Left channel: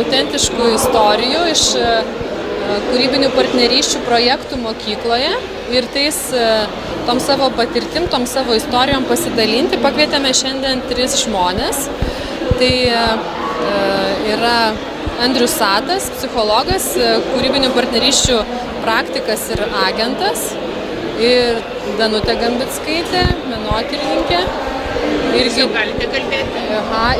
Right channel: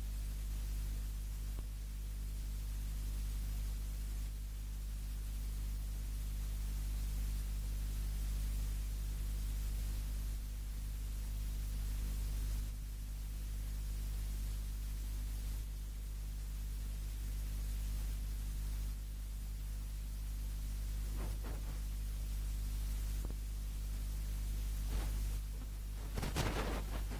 Autentiškų istorijų iš kūrybinių partnerysčių projektų mokykloje ir tom savo patirtim, tom savo istorijom pasidalinti. Pakvietėme šiandien 3 žmonės. Tai yra Andrius Satas, psichologas, kūrybinių partnerysčių praktikas ir agentas, ir Danutė Gambickaitė, menotyrininkė. Galite kalbėti.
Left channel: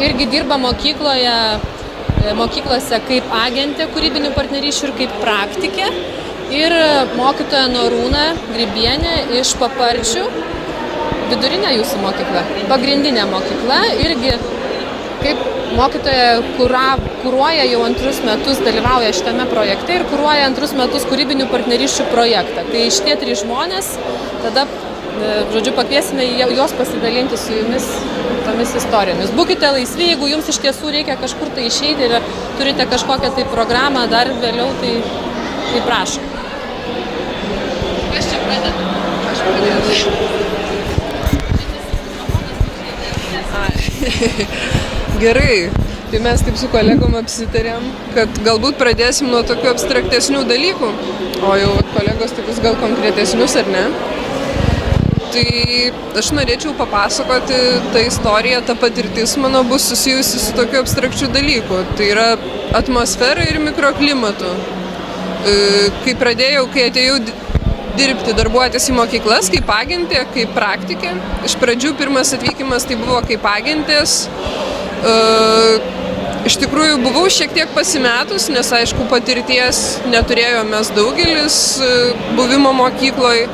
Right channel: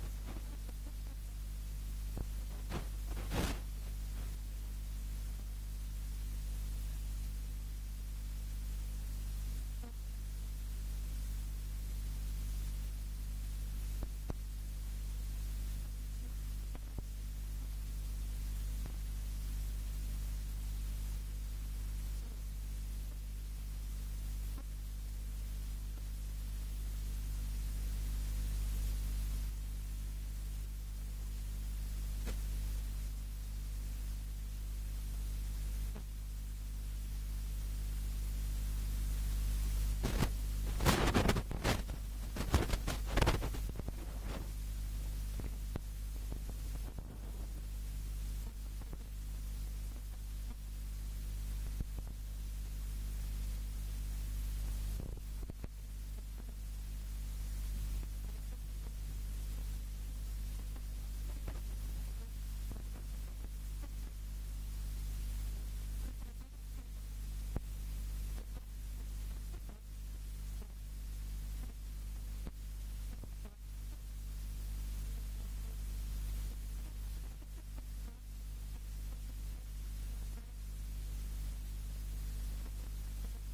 Irgi dirba mokyklose kaip agentė kūrybinių partnerysčių ir kaip praktikė. Ir mokytoja Norūna Grybienė iš Paparčių, vidurinė jūsų mokykla, pagrindinė mokykla, irgi kaip mokytoja kuruoja jau 2 metus, dalyvauja šitame projekte ir kuruoja 2 metus kūrybinių partnerysčių projektą. Tai šitie 3 žmonės, tada, žodžiu, pakviesime juos pasidalinti su jumis tomis istorijomis. Būkite laisvi, jeigu jums iš tiesų reikia kažkur tai išeiti ir turite kažkokią tai programą dar vėliau, tai prašom. Kas čia pradeda? Aš pradėsiu. Gerai, tai mes taip su kolegom apsitarėm, kad galbūt pradėsim nuo tokių abstraktesnių dalykų, o jau kolegos tokius gal konkretesnius ar ne. Tai aš norėčiau papasakoti tą istoriją, ta patirtis mano bus susijusi su tokiu abstrakčiu dalyku. Tai yra atmosfera ir mikroklimatu. Kai atėjau dirbti, darbuotis į mokyklas, kaip agentė, kaip praktikė. Iš pradžių pirmas atvykimas tai buvo kaip agentės. Iš tikrųjų buvau šiek tiek pasimetus, nes aišku patirties neturėjome mes daugelis buvimo mokykloje.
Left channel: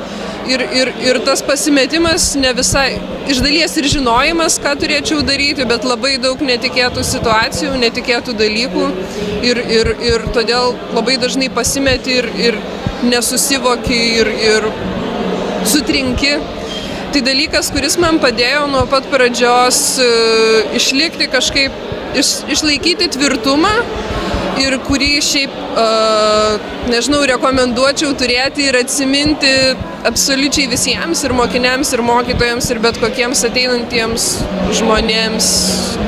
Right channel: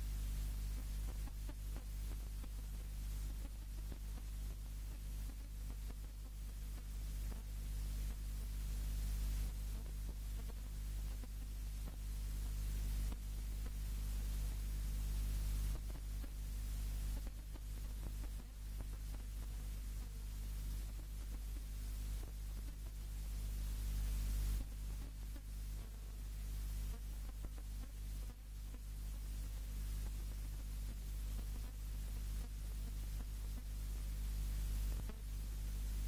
Ir tas pasimetimas ne visai, iš dalies ir žinojimas, ką turėčiau daryti, bet labai daug netikėtų situacijų, netikėtų dalykų ir todėl labai dažnai pasimeti ir nesusivoki ir sutrinki. Tai dalykas, kuris man padėjo nuo pat pradžios išlikti kažkaip, išlaikyti tvirtumą ir kurį šiaip, nežinau, rekomenduočiau turėti ir atsiminti absoliučiai visiems, ir mokiniams, ir mokytojams, ir bet kokiems ateinantiems žmonėms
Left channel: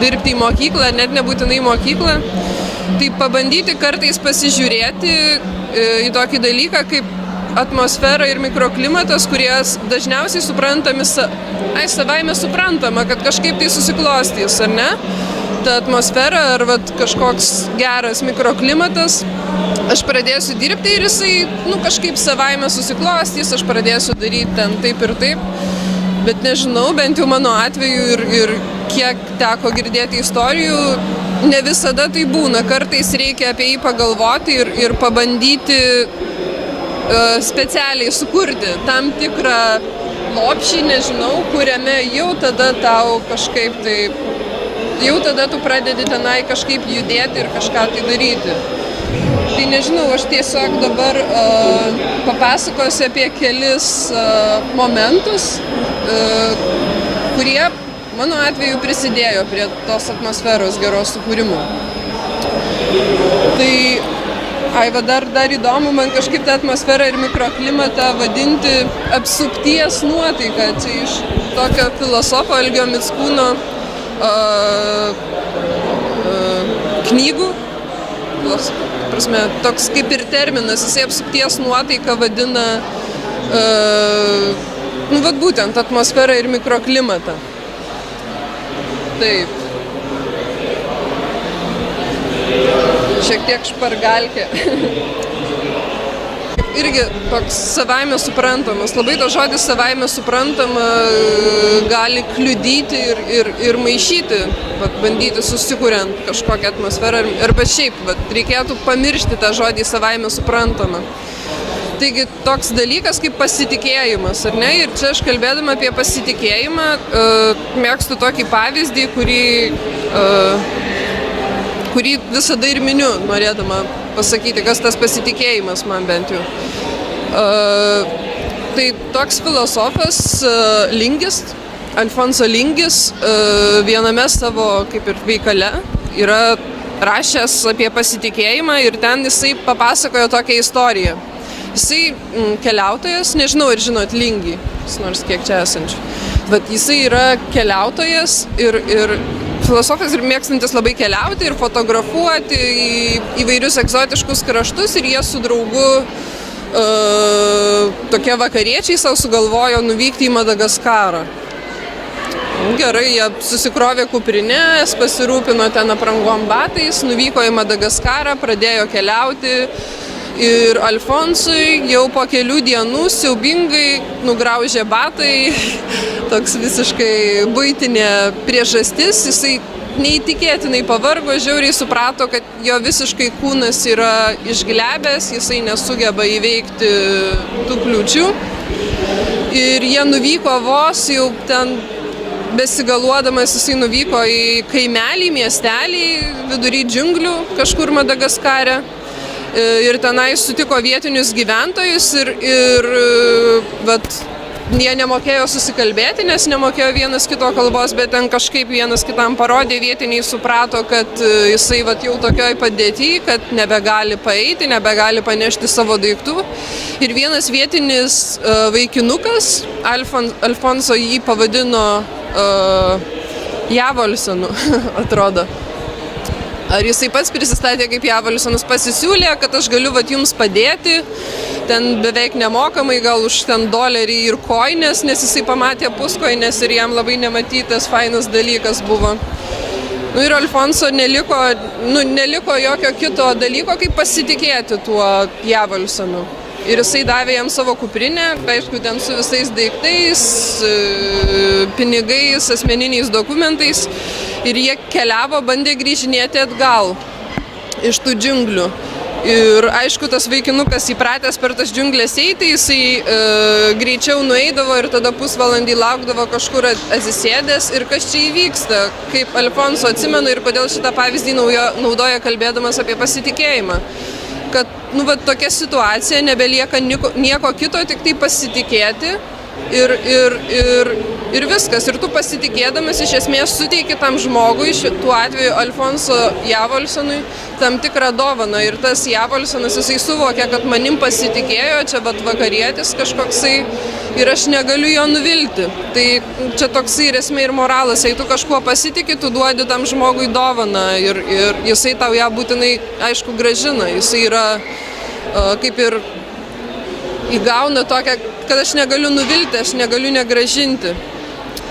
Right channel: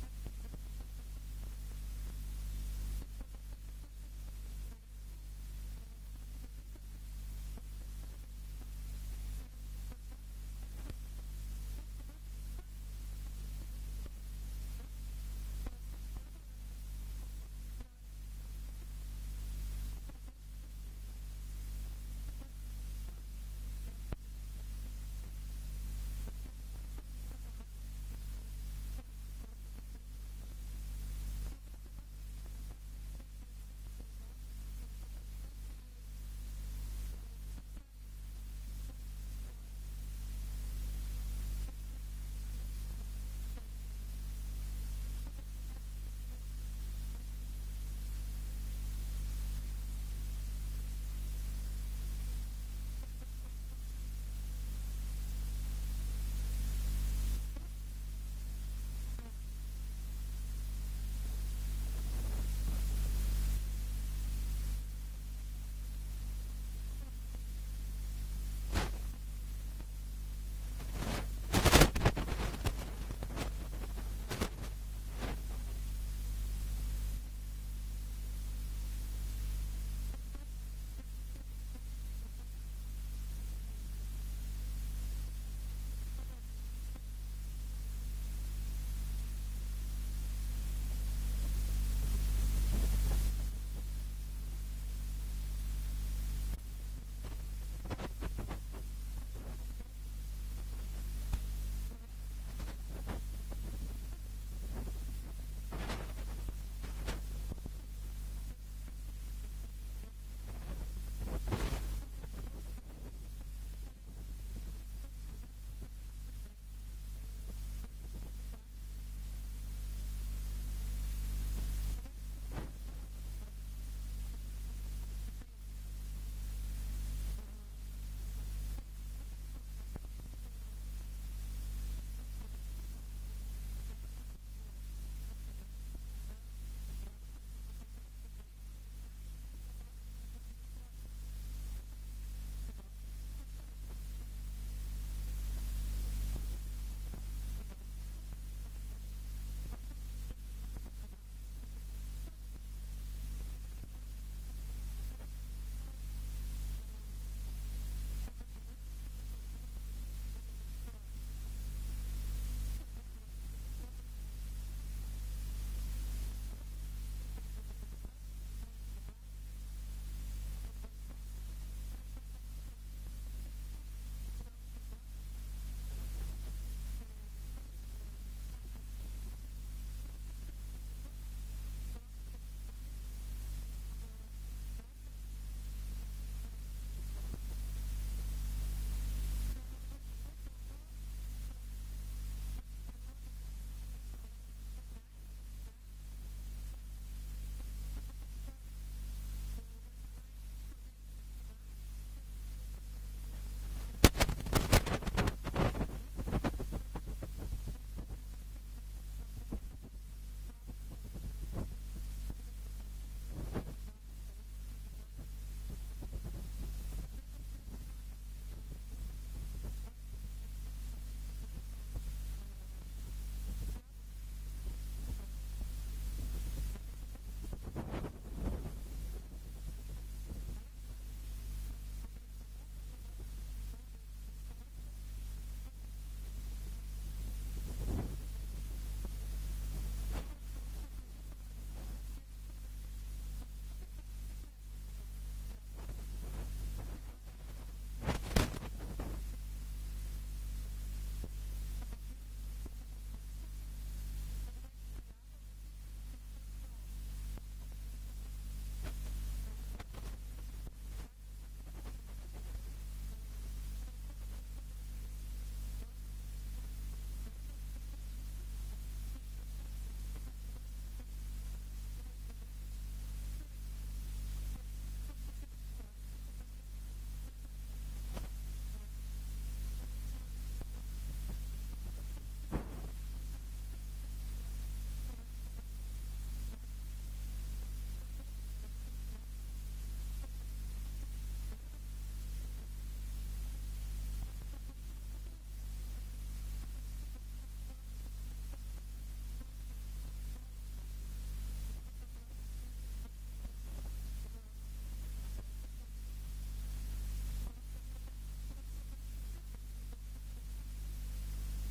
dirbti į mokyklą, net nebūtinai mokyklą. Tai pabandyti kartais pasižiūrėti į tokį dalyką kaip atmosfera ir mikroklimatas, kurie dažniausiai suprantami, savaime suprantama, kad kažkaip tai susiklostys, ar ne? Ta atmosfera ar kažkoks geras mikroklimatas, aš pradėsiu dirbti ir jisai kažkaip savaime susiklostys, aš pradėsiu daryti ten taip ir taip, bet nežinau, bent jau mano atveju ir kiek teko girdėti istorijų, ne visada tai būna, kartais reikia apie jį pagalvoti ir pabandyti specialiai sukurti tam tikrą lopšį, nežinau, kuriame jau tada tau kažkaip tai jau tada tu pradedi tenai kažkaip judėti ir kažką tai daryti. Tai nežinau, aš tiesiog dabar papasakosiu apie kelis momentus, kurie mano atveju prisidėjo prie tos atmosferos geros sukūrimo. Tai, dar įdomu man kažkaip tą atmosferą ir mikroklimatą vadinti apsupties nuotaiką. Čia iš tokio filosofo Algio Mickūno knygų, prasme, toks kaip ir terminas, jisai apsupties nuotaiką vadina būtent atmosferą ir mikroklimatą. Taip. Šiek tiek špargalkė. Irgi toks savaime suprantamas. Labai to žodis savaime suprantama gali kliudyti ir maišyti, bandyti susikuriant kažkokią atmosferą. Arba šiaip, reikėtų pamiršti tą žodį savaime suprantama. Taigi toks dalykas kaip pasitikėjimas, ar ne? Ir čia aš kalbėdama apie pasitikėjimą mėgstu tokį pavyzdį, kurį visada ir miniu, norėdama pasakyti, kas tas pasitikėjimas man bent jau. Tai toks filosofas Lingis, Alfonso Lingis, viename savo kaip ir veikale yra rašęs apie pasitikėjimą ir ten jisai papasakojo tokią istoriją. Jisai keliautojas, nežinau ar žinot Lingį, nors kiek čia esančių, bet jisai yra keliautojas ir filosofas ir mėgstantis labai keliauti ir fotografuoti į įvairius egzotiškus kraštus ir jie su draugu tokie vakariečiai savo sugalvojo nuvykti į Madagaskarą. Gerai, jie susikrovė kuprinės, pasirūpino ten aprangom batais, nuvyko į Madagaskarą, pradėjo keliauti. Ir Alfonsui jau po kelių dienų siaubingai nugraužė batai, toks visiškai buitinė priežastis, jisai neįtikėtinai pavargo, žiauriai suprato, kad jo visiškai kūnas yra išglebęs, jisai nesugeba įveikti tų kliūčių. Ir jie nuvyko vos jau ten besigaluodamas, jisai nuvyko į kaimelį, miestelį, vidury džiunglių, kažkur Madagaskare. Ir tenai sutiko vietinius gyventojus ir vat, jie nemokėjo susikalbėti, nes nemokėjo vienas kito kalbos, bet ten kažkaip vienas kitam parodė, vietiniai suprato, kad jisai vat, jau tokioj padėty, kad nebegali paeiti, nebegali panešti savo daiktų. Ir vienas vietinis vaikinukas, Alfonso jį pavadino Javolsonu, atrodo. Ar jisai pats prisistatė kaip Javolsonas, pasisiūlė, kad aš galiu vat, jums padėti, ten beveik nemokamai, gal už ten $1 ir koinės, nes jisai pamatė puskoinės ir jam labai nematytas fainas dalykas buvo. Ir Alfonso neliko jokio kito dalyko, kaip pasitikėti tuo Javolsonu. Ir jisai davė jam savo kuprinę, aišku, ten su visais daiktais, pinigais, asmeniniais dokumentais. Ir jie keliavo, bandė grįžinėti atgal iš tų džiunglių. Ir aišku, tas vaikinukas įpratęs per tas džiunglės eiti, jisai greičiau nueidavo ir tada pusvalandį laukdavo kažkur atsisėdęs. Ir kas čia įvyksta, kaip Alfonso atsimenu ir kodėl šitą pavyzdį naudoja kalbėdamas apie pasitikėjimą. Kad tokia situacija, nebelieka nieko kito, tik tai pasitikėti ir viskas. Ir tu pasitikėdamas iš esmės suteiki tam žmogui, tuo atveju Alfonso Javolsonui, tam tikrą dovaną. Ir tas Javolsonas, jisai suvokė, kad manim pasitikėjo, čia vakarietis kažkoksai ir aš negaliu jo nuvilti. Tai čia toksai ir esmė ir moralas, jei tu kažkuo pasitiki, tu duodi tam žmogui dovaną ir jisai tau ją būtinai, aišku, grąžina. Jisai yra kaip ir įgauna tokią, kad aš negaliu nuvilti, aš negaliu negrąžinti.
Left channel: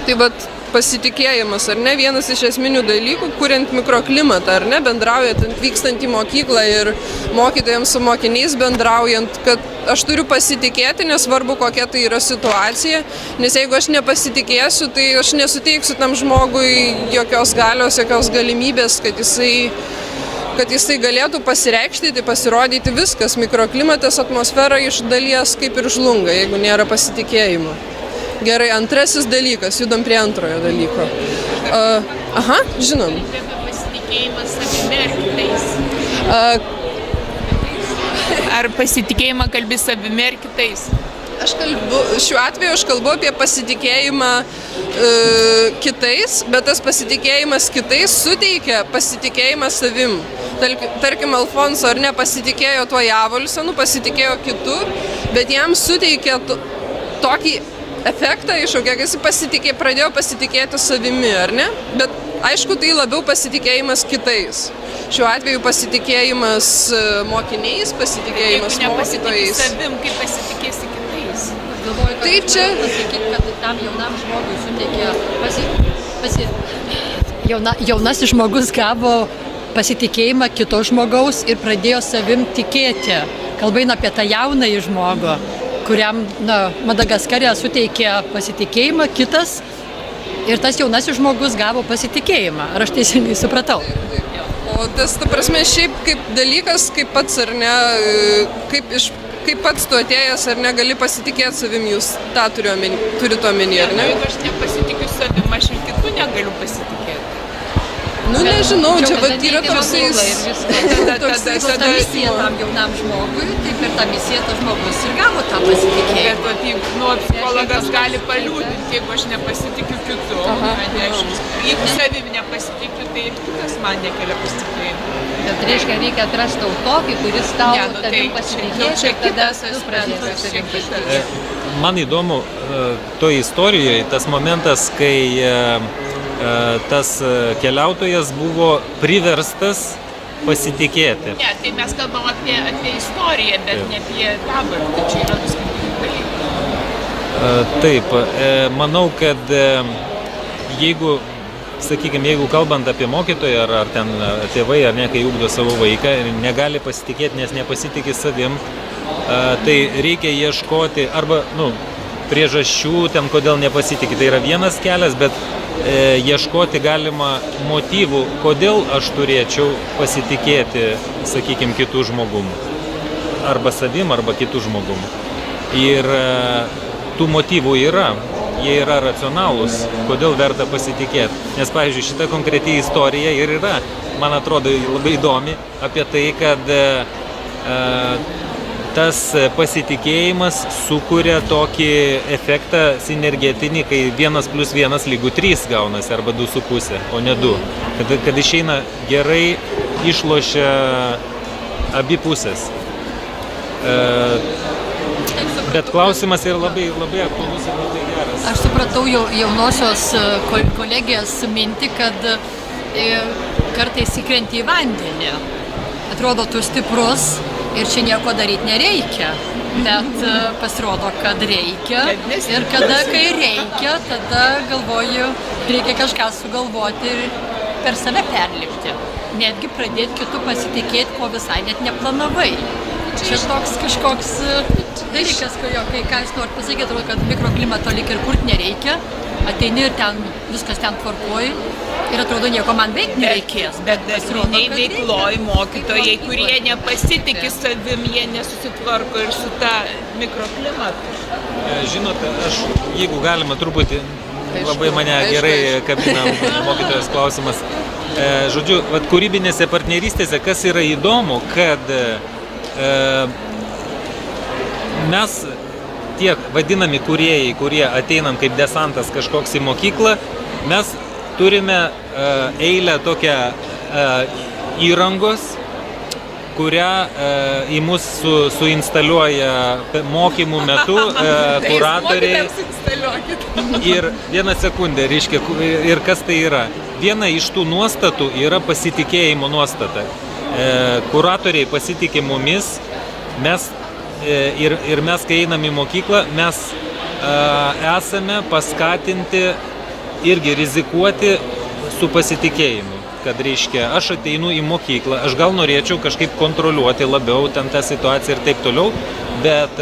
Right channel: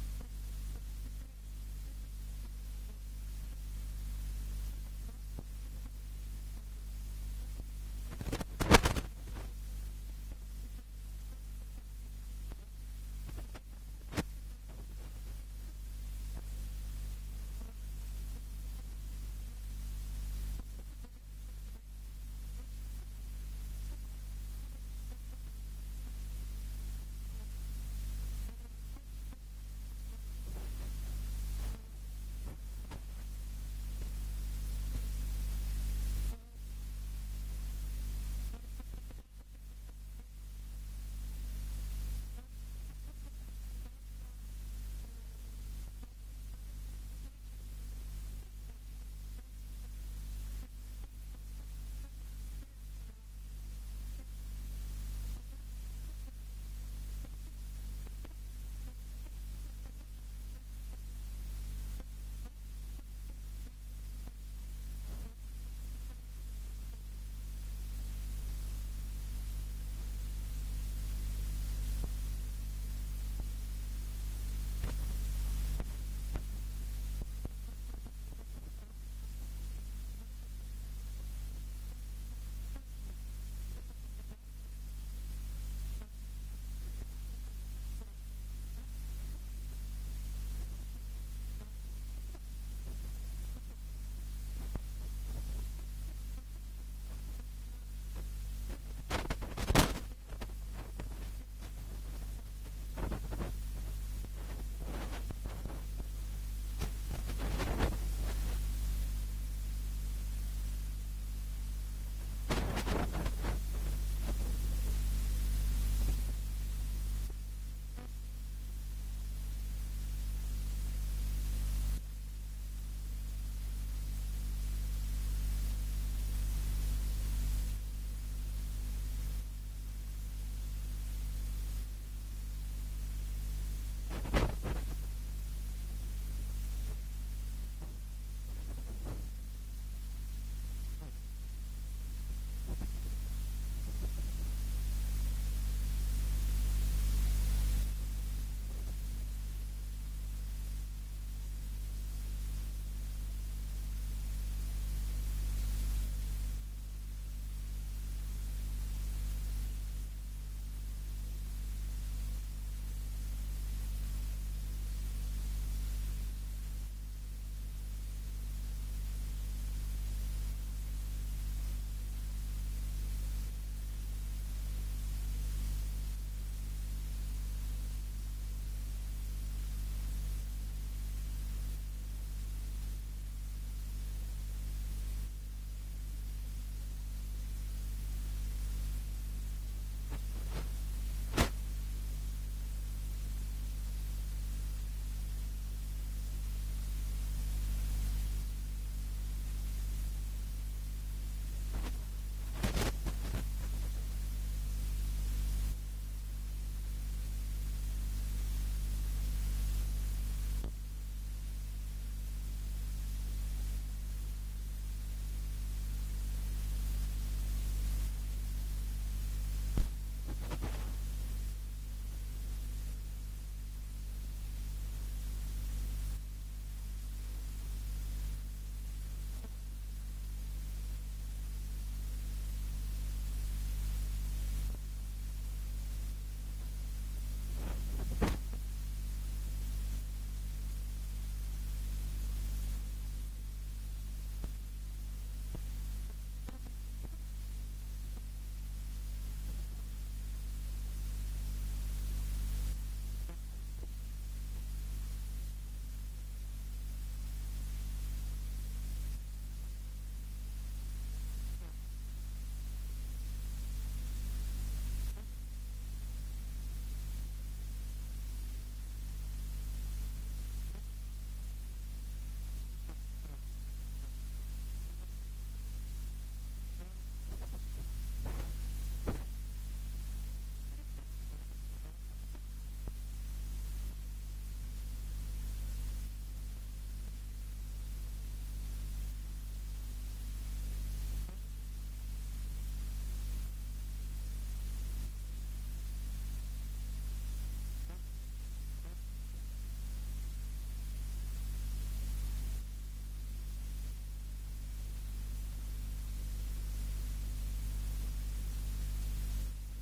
Tai vat pasitikėjimas, ar ne, vienas iš esminių dalykų, kuriant mikroklimatą, ar ne, bendraujant, vykstant į mokyklą ir mokytojams su mokiniais bendraujant, kad aš turiu pasitikėti, nesvarbu kokia tai yra situacija, nes jeigu aš nepasitikėsiu, tai aš nesuteiksiu tam žmogui jokios galios, jokios galimybės, kad jisai galėtų pasireikšti, pasirodyti viskas. Mikroklimatas, atmosfera iš dalies kaip ir žlunga, jeigu nėra pasitikėjimo. Gerai, antrasis dalykas, judam prie antrojo dalyko. Žinom. Pasitikėjimas savimi ar kitais? Ar pasitikėjimą kalbi savimi ar kitais? Šiuo atveju aš kalbu apie pasitikėjimą kitais, bet tas pasitikėjimas kitais suteikia pasitikėjimą savim. Tarkim, Alfonso ar ne pasitikėjo tuo Javolsonu, pasitikėjo kitu, bet jam suteikė tokį efektą iššaukė, kad jis pradėjo pasitikėti savimi, ar ne? Bet aišku, tai labiau pasitikėjimas kitais. Šiuo atveju pasitikėjimas mokiniais, pasitikėjimas mokytojais. Savim, kaip pasitikėsi kitais? Galvoju, tai čia pasakyti, kad tam jaunam žmogui suteikė jaunasis žmogus gavo pasitikėjimą kito žmogaus ir pradėjo savim tikėti. Kalba eina apie tą jaunąjį žmogų, kuriam Madagaskare suteikė pasitikėjimą kitas ir tas jaunasis žmogus gavo pasitikėjimą. Ar aš teisingai supratau? O tas, ta prasme, šiaip kaip dalykas, kaip pats ar ne, kaip pats tu atėjęs ar negali pasitikėti savim, jūs tą turit omeny, ar ne? Jeigu aš nepasitikiu savim, aš ir kitų negaliu pasitikėti. Nežinau, čia yra toksai... Ta misija tam jaunam žmogui, tai per tą misiją tas žmogus ir gavo tą pasitikėjimą. Bet psichologas gali paliūdinti, jeigu aš nepasitikiu kitu. Jeigu savim nepasitikiu, tai ir kitas man nekelia pasitikėjimą. Bet reikia atrasti tokį, kuris tau tavim pasitikės ir tada tu pradėsi savim pasitikėti. Man įdomu toj istorijoje tas momentas, kai tas keliautojas buvo priverstas pasitikėti. Ne, tai mes kalbam apie istoriją, bet ne apie dabartį, čia yra du skirtingi dalykai. Taip, manau, kad jeigu kalbant apie mokytoją ar ten tėvai ar ne, kai ugdo savo vaiką ir negali pasitikėti, nes nepasitikė savim, tai reikia ieškoti arba priežasčių ten, kodėl nepasitikė. Tai yra vienas kelias, bet ieškoti galima motyvų, kodėl aš turėčiau pasitikėti, sakykime, kitų žmogum. Arba savim, arba kitų žmogum. Ir tų motyvų yra. Jie yra racionalūs, kodėl verta pasitikėti. Nes, pavyzdžiui, šita konkreti istorija ir yra, man atrodo, labai įdomi apie tai, kad tas pasitikėjimas sukuria tokį efektą sinergetinį, kai 1+1 lygu 3 gaunasi, arba 2,5, o ne 2. Kad išeina gerai, išlošia abi pusės. Bet klausimas yra labai aktualus ir labai geras. Aš supratau jaunosios kolegijos mintį, kad kartais įkrenti į vandenį. Atrodo, tu stiprus ir čia nieko daryti nereikia. Bet pasirodo, kad reikia. Ir kai reikia, tada galvoju, reikia kažką sugalvoti ir per save perlipti. Netgi pradėti kitų pasitikėti, ko visai net neplanavai. Čia toks kažkoks dalykas, kai ką jūs norit pasakyti, atrodo, kad mikroklimato lyg ir kurti nereikia, ateini ir ten viskas ten tvarkoji ir atrodo, nieko man veikti nereikės. Bet dažnai veikloj mokytojai, kurie nepasitikė savim, jie nesusitvarko ir su ta mikroklimatu. Žinote, aš, jeigu galima truputį, labai mane gerai kabina mokytojas klausimas. Žodžiu, kūrybinėse partnerystėse, kas yra įdomu, kad mes tiek vadinami kūrėjai, kurie ateinam kaip desantas kažkoks į mokyklą, mes turime eilę tokią įrangos, kurią į mus suinstaliuoja mokymų metu kuratoriai. Ir vieną sekundę, reiškia, ir kas tai yra? Viena iš tų nuostatų yra pasitikėjimo nuostata. Kuratoriai pasitikė mumis, ir mes, kai einam į mokyklą, mes esame paskatinti irgi rizikuoti su pasitikėjimu. Kad, reiškia, aš ateinu į mokyklą, aš gal norėčiau kažkaip kontroliuoti labiau ten tą situaciją ir taip toliau, bet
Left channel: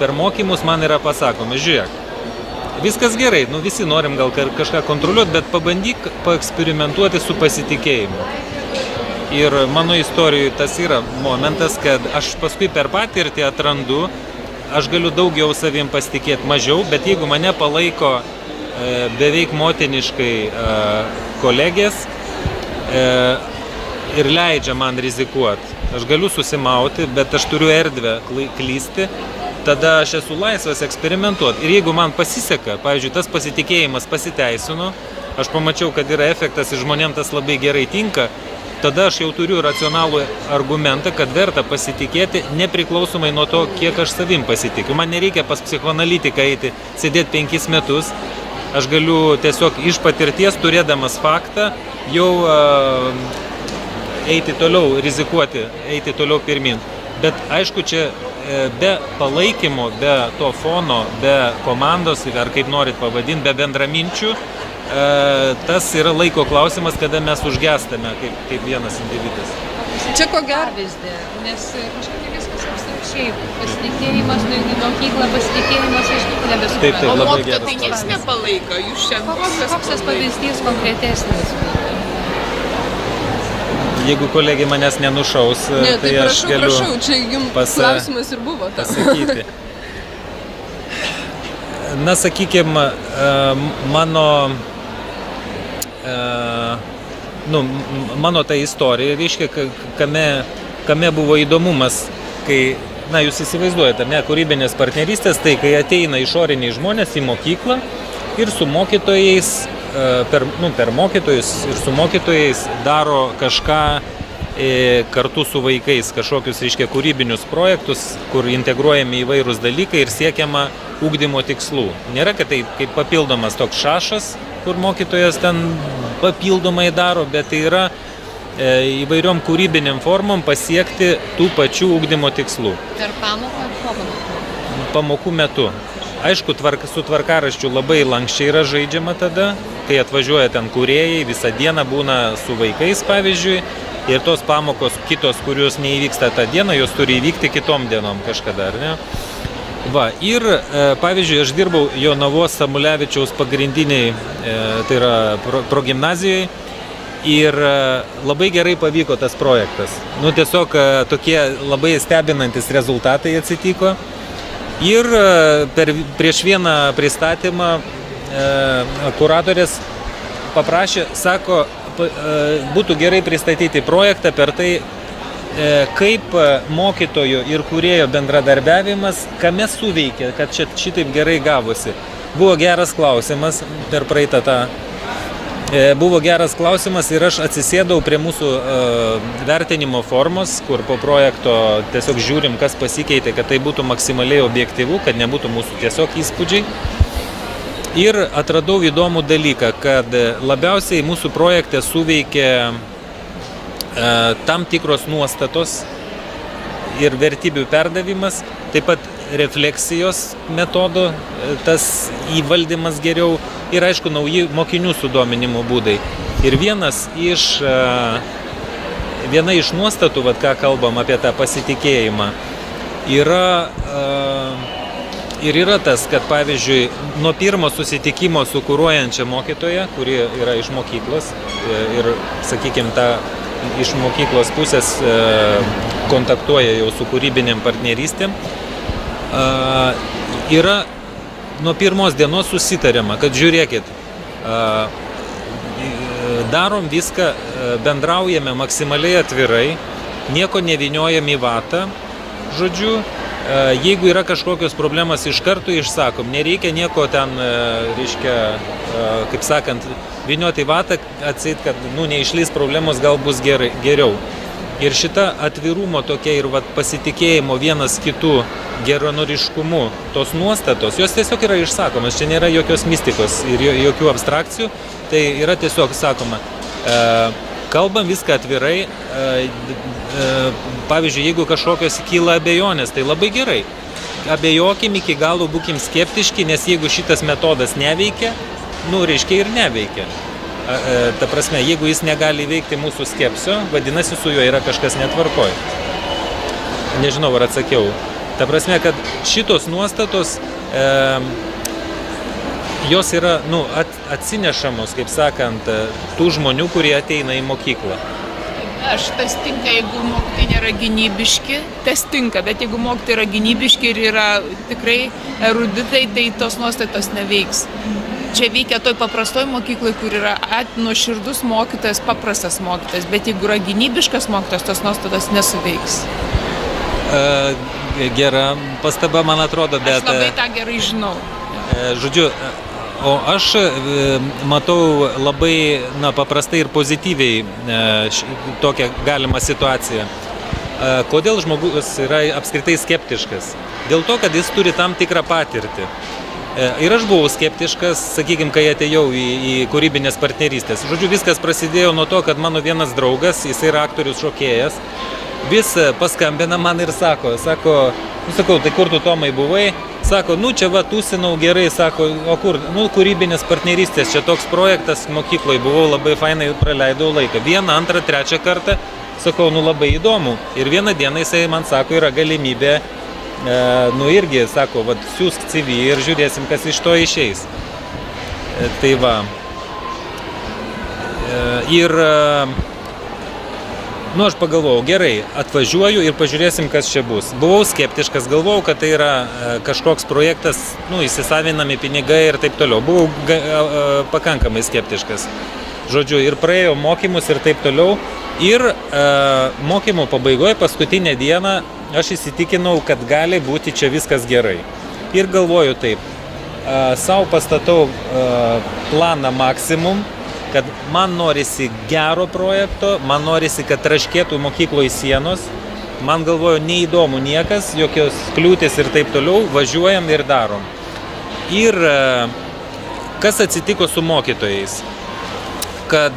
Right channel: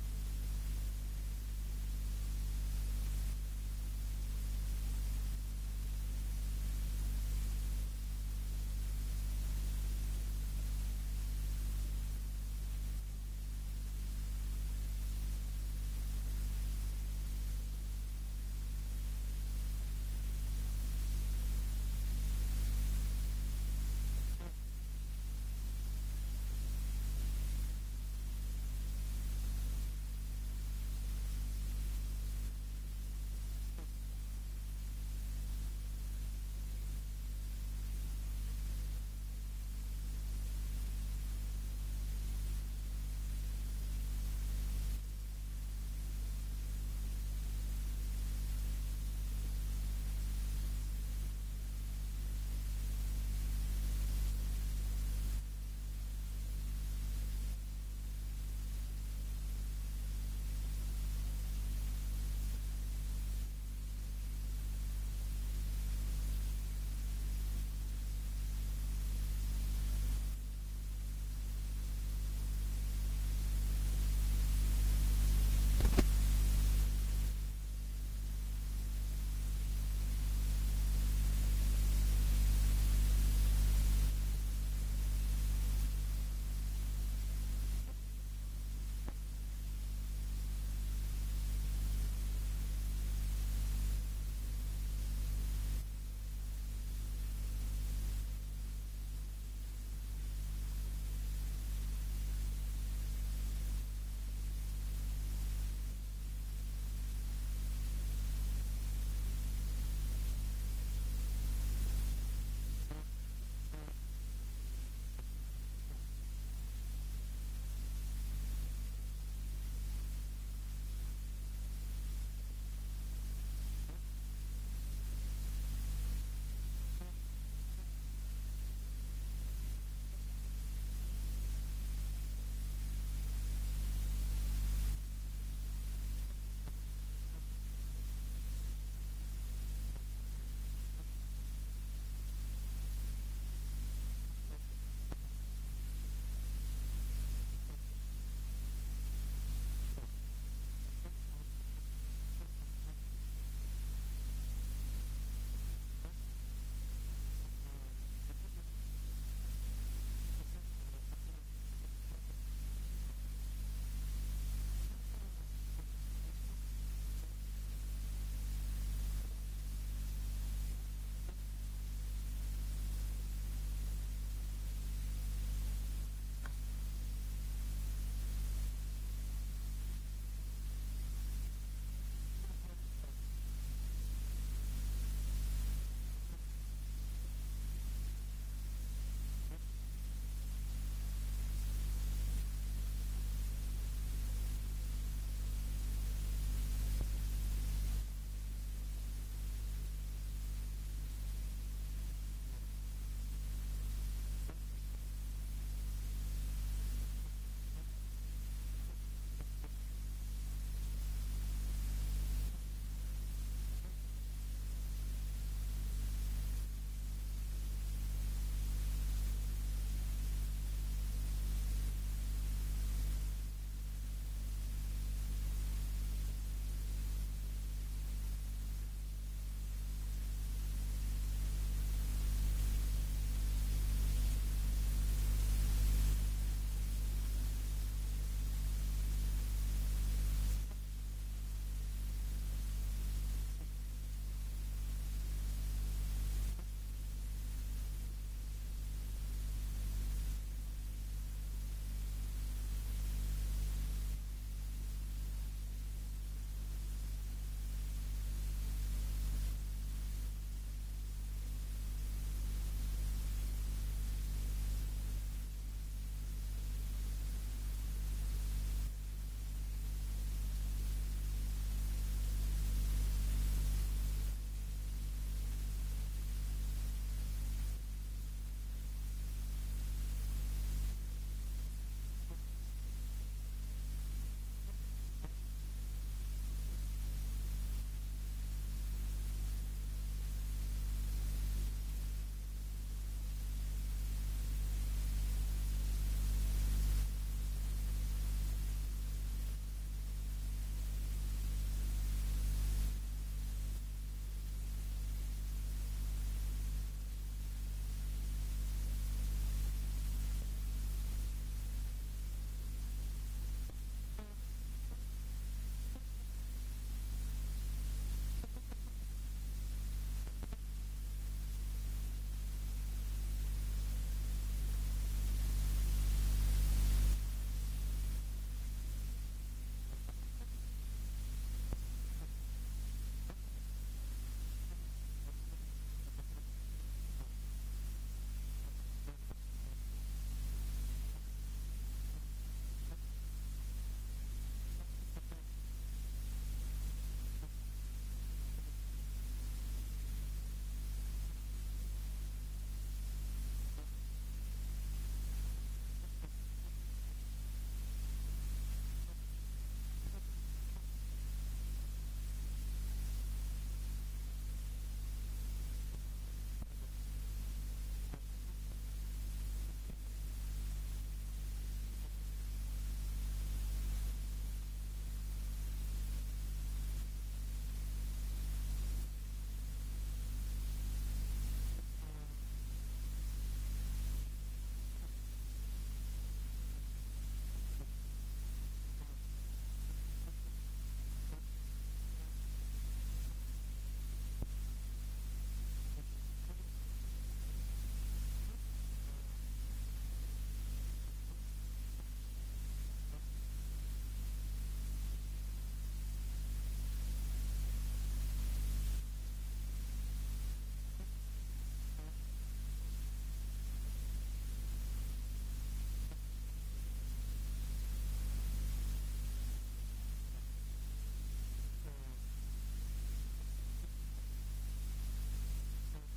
per mokymus man yra pasakoma, žiūrėk, viskas gerai, visi norim gal kažką kontroliuoti, bet pabandyk paeksperimentuoti su pasitikėjimu. Ir mano istorijoje tas yra momentas, kad aš paskui per patirtį atrandu, aš galiu daugiau savim pasitikėti, mažiau, bet jeigu mane palaiko beveik motiniškai kolegės ir leidžia man rizikuoti, aš galiu susimauti, bet aš turiu erdvę klysti, tada aš esu laisvas eksperimentuoti. Ir jeigu man pasiseka, pavyzdžiui, tas pasitikėjimas pasiteisino, aš pamačiau, kad yra efektas ir žmonėms tas labai gerai tinka, tada aš jau turiu racionalų argumentą, kad verta pasitikėti nepriklausomai nuo to, kiek aš savim pasitikiu. Man nereikia pas psichoanalitiką eiti, sėdėti 5 metus. Aš galiu tiesiog iš patirties, turėdamas faktą, jau eiti toliau, rizikuoti, eiti toliau pirmin. Bet aišku, čia be palaikymo, be to fono, be komandos, ar kaip norit pavadinti, be bendraminčių, tas yra laiko klausimas, kada mes užgestame kaip vienas individas. Čia ko gero. Nes kažkaip viskas absoliučiai pasitikėjimas, į mokyklą pasitikėjimas iš tikrųjų nebesupranta. Taip, O labai mokytojo geras tai nieks nepalaiko, jūs čia Koks tas pavyzdys konkretesnis? Jeigu kolegė manęs nenušaus, Ne, tai aš galiu prašau, čia jums klausimas ir buvo. pasakyti. Na, sakykime, mano ta istorija, reiškia, kame buvo įdomumas, kai, jūs įsivaizduojate, kūrybinės partnerystės, tai kai ateina išoriniai žmonės į mokyklą ir su mokytojais, per mokytojus ir su mokytojais daro kažką kartu su vaikais, kažkokius, reiškia, kūrybinius projektus, kur integruojami įvairūs dalykai ir siekiama ugdymo tikslų. Nėra, kad tai kaip papildomas toks šašas, kur mokytojas ten papildomai daro, bet tai yra įvairiom kūrybiniam formom pasiekti tų pačių ugdymo tikslų. Per pamoką ar po pamokų? Pamokų metu. Aišku, su tvarkaraščiu labai lankščiai yra žaidžiama tada, kai atvažiuoja ten kūrėjai, visą dieną būna su vaikais, pavyzdžiui, ir tos pamokos kitos, kurios neįvyksta tą dieną, jos turi įvykti kitom dienom kažkada, ar ne? Va, ir, pavyzdžiui, aš dirbau Jonavos Samulevičiaus pagrindiniai, tai yra progimnazijai, ir labai gerai pavyko tas projektas. Nu, tiesiog tokie labai stebinantis rezultatai atsitiko. Ir prieš vieną pristatymą kuratorės paprašė, sako, būtų gerai pristatyti projektą per tai, kaip mokytojo ir kūrėjo bendradarbiavimas, kame suveikia, kad šitaip gerai gavosi. Buvo geras klausimas per praeitą tą. Buvo geras klausimas ir aš atsisėdau prie mūsų vertinimo formos, kur po projekto tiesiog žiūrim, kas pasikeitė, kad tai būtų maksimaliai objektyvu, kad nebūtų mūsų tiesiog įspūdžiai. Ir atradau įdomų dalyką, kad labiausiai mūsų projekte suveikė tam tikros nuostatos ir vertybių perdavimas, taip pat refleksijos metodo, tas įvaldymas geriau ir, aišku, nauji mokinių sudominimo būdai. Ir viena iš nuostatų, vat, ką kalbam apie tą pasitikėjimą, yra tas, kad, pavyzdžiui, nuo pirmo susitikimo su kuruojančia mokytoja, kuri yra iš mokyklos ir, sakykime, iš mokyklos pusės kontaktuoja jau su kūrybinėm partnerystėm, yra nuo pirmos dienos susitariama, kad žiūrėkit, darom viską, bendraujame maksimaliai atvirai, nieko nevyniojam į vatą, žodžiu, jeigu yra kažkokios problemas iš karto išsakom, nereikia nieko ten, reiškia, kaip sakant, vynioti į vatą, atseit, kad neišlys problemos, gal bus geriau. Ir šita atvirumo tokia ir pasitikėjimo vienas kitų geranoriškumu, tos nuostatos, jos tiesiog yra išsakomas, čia nėra jokios mistikos ir jokių abstrakcijų, tai yra tiesiog sakoma, kalbam viską atvirai, pavyzdžiui, jeigu kažkokios kyla abejonės, tai labai gerai, abejokim iki galo, būkim skeptiški, nes jeigu šitas metodas neveikia, reiškia ir neveikia. Ta prasme, jeigu jis negali veikti mūsų skepsio, vadinasi, su juo yra kažkas netvarkoj. Nežinau, ar atsakiau. Ta prasme, kad šitos nuostatos, jos yra atsinešamos, kaip sakant, tų žmonių, kurie ateina į mokyklą. Tas tinka, jeigu mokytojai nėra gynybiški, tas tinka, bet jeigu mokytojai yra gynybiški ir yra tikrai eruditai, tai tos nuostatos neveiks. Čia veikia toj paprastoj mokyklai, kur yra nuoširdus mokytojas, paprastas mokytojas, bet jeigu yra gynybiškas mokytojas, tos nuostatos nesuveiks. Gera pastaba, man atrodo, bet... Aš labai tą gerai žinau. Žodžiu, o aš matau labai paprastai ir pozityviai tokią galimą situaciją. Kodėl žmogus yra apskritai skeptiškas? Dėl to, kad jis turi tam tikrą patirtį. Ir aš buvau skeptiškas, sakykime, kai atėjau į kūrybinės partnerystės. Žodžiu, viskas prasidėjo nuo to, kad mano vienas draugas, jis yra aktorius šokėjas, vis paskambina man ir sako, tai kur tu, Tomai, buvai? Sako, čia tūsinau gerai, sako, o kur? Kūrybinės partnerystės, čia toks projektas mokykloje, buvau labai fainai, praleidau laiką. Vieną, antrą, trečią kartą, sakau, labai įdomu. Ir vieną dieną jisai man sako, yra galimybė, irgi, sako, siūsk CV ir žiūrėsim, kas iš to išeis. Tai va. Ir, aš pagalvojau, gerai, atvažiuoju ir pažiūrėsim, kas čia bus. Buvau skeptiškas, galvojau, kad tai yra kažkoks projektas, įsisavinami pinigai ir taip toliau. Buvau pakankamai skeptiškas. Žodžiu, ir praėjau mokymus ir taip toliau. Ir mokymo pabaigoje, paskutinę dieną, aš įsitikinau, kad gali būti čia viskas gerai. Ir galvoju taip, savo pastatau planą maksimum, kad man norisi gero projekto, man norisi, kad traškėtų mokykloje sienos, man galvoju, neįdomu niekas, jokios kliūtis ir taip toliau, važiuojam ir darom. Ir kas atsitiko su mokytojais? Kad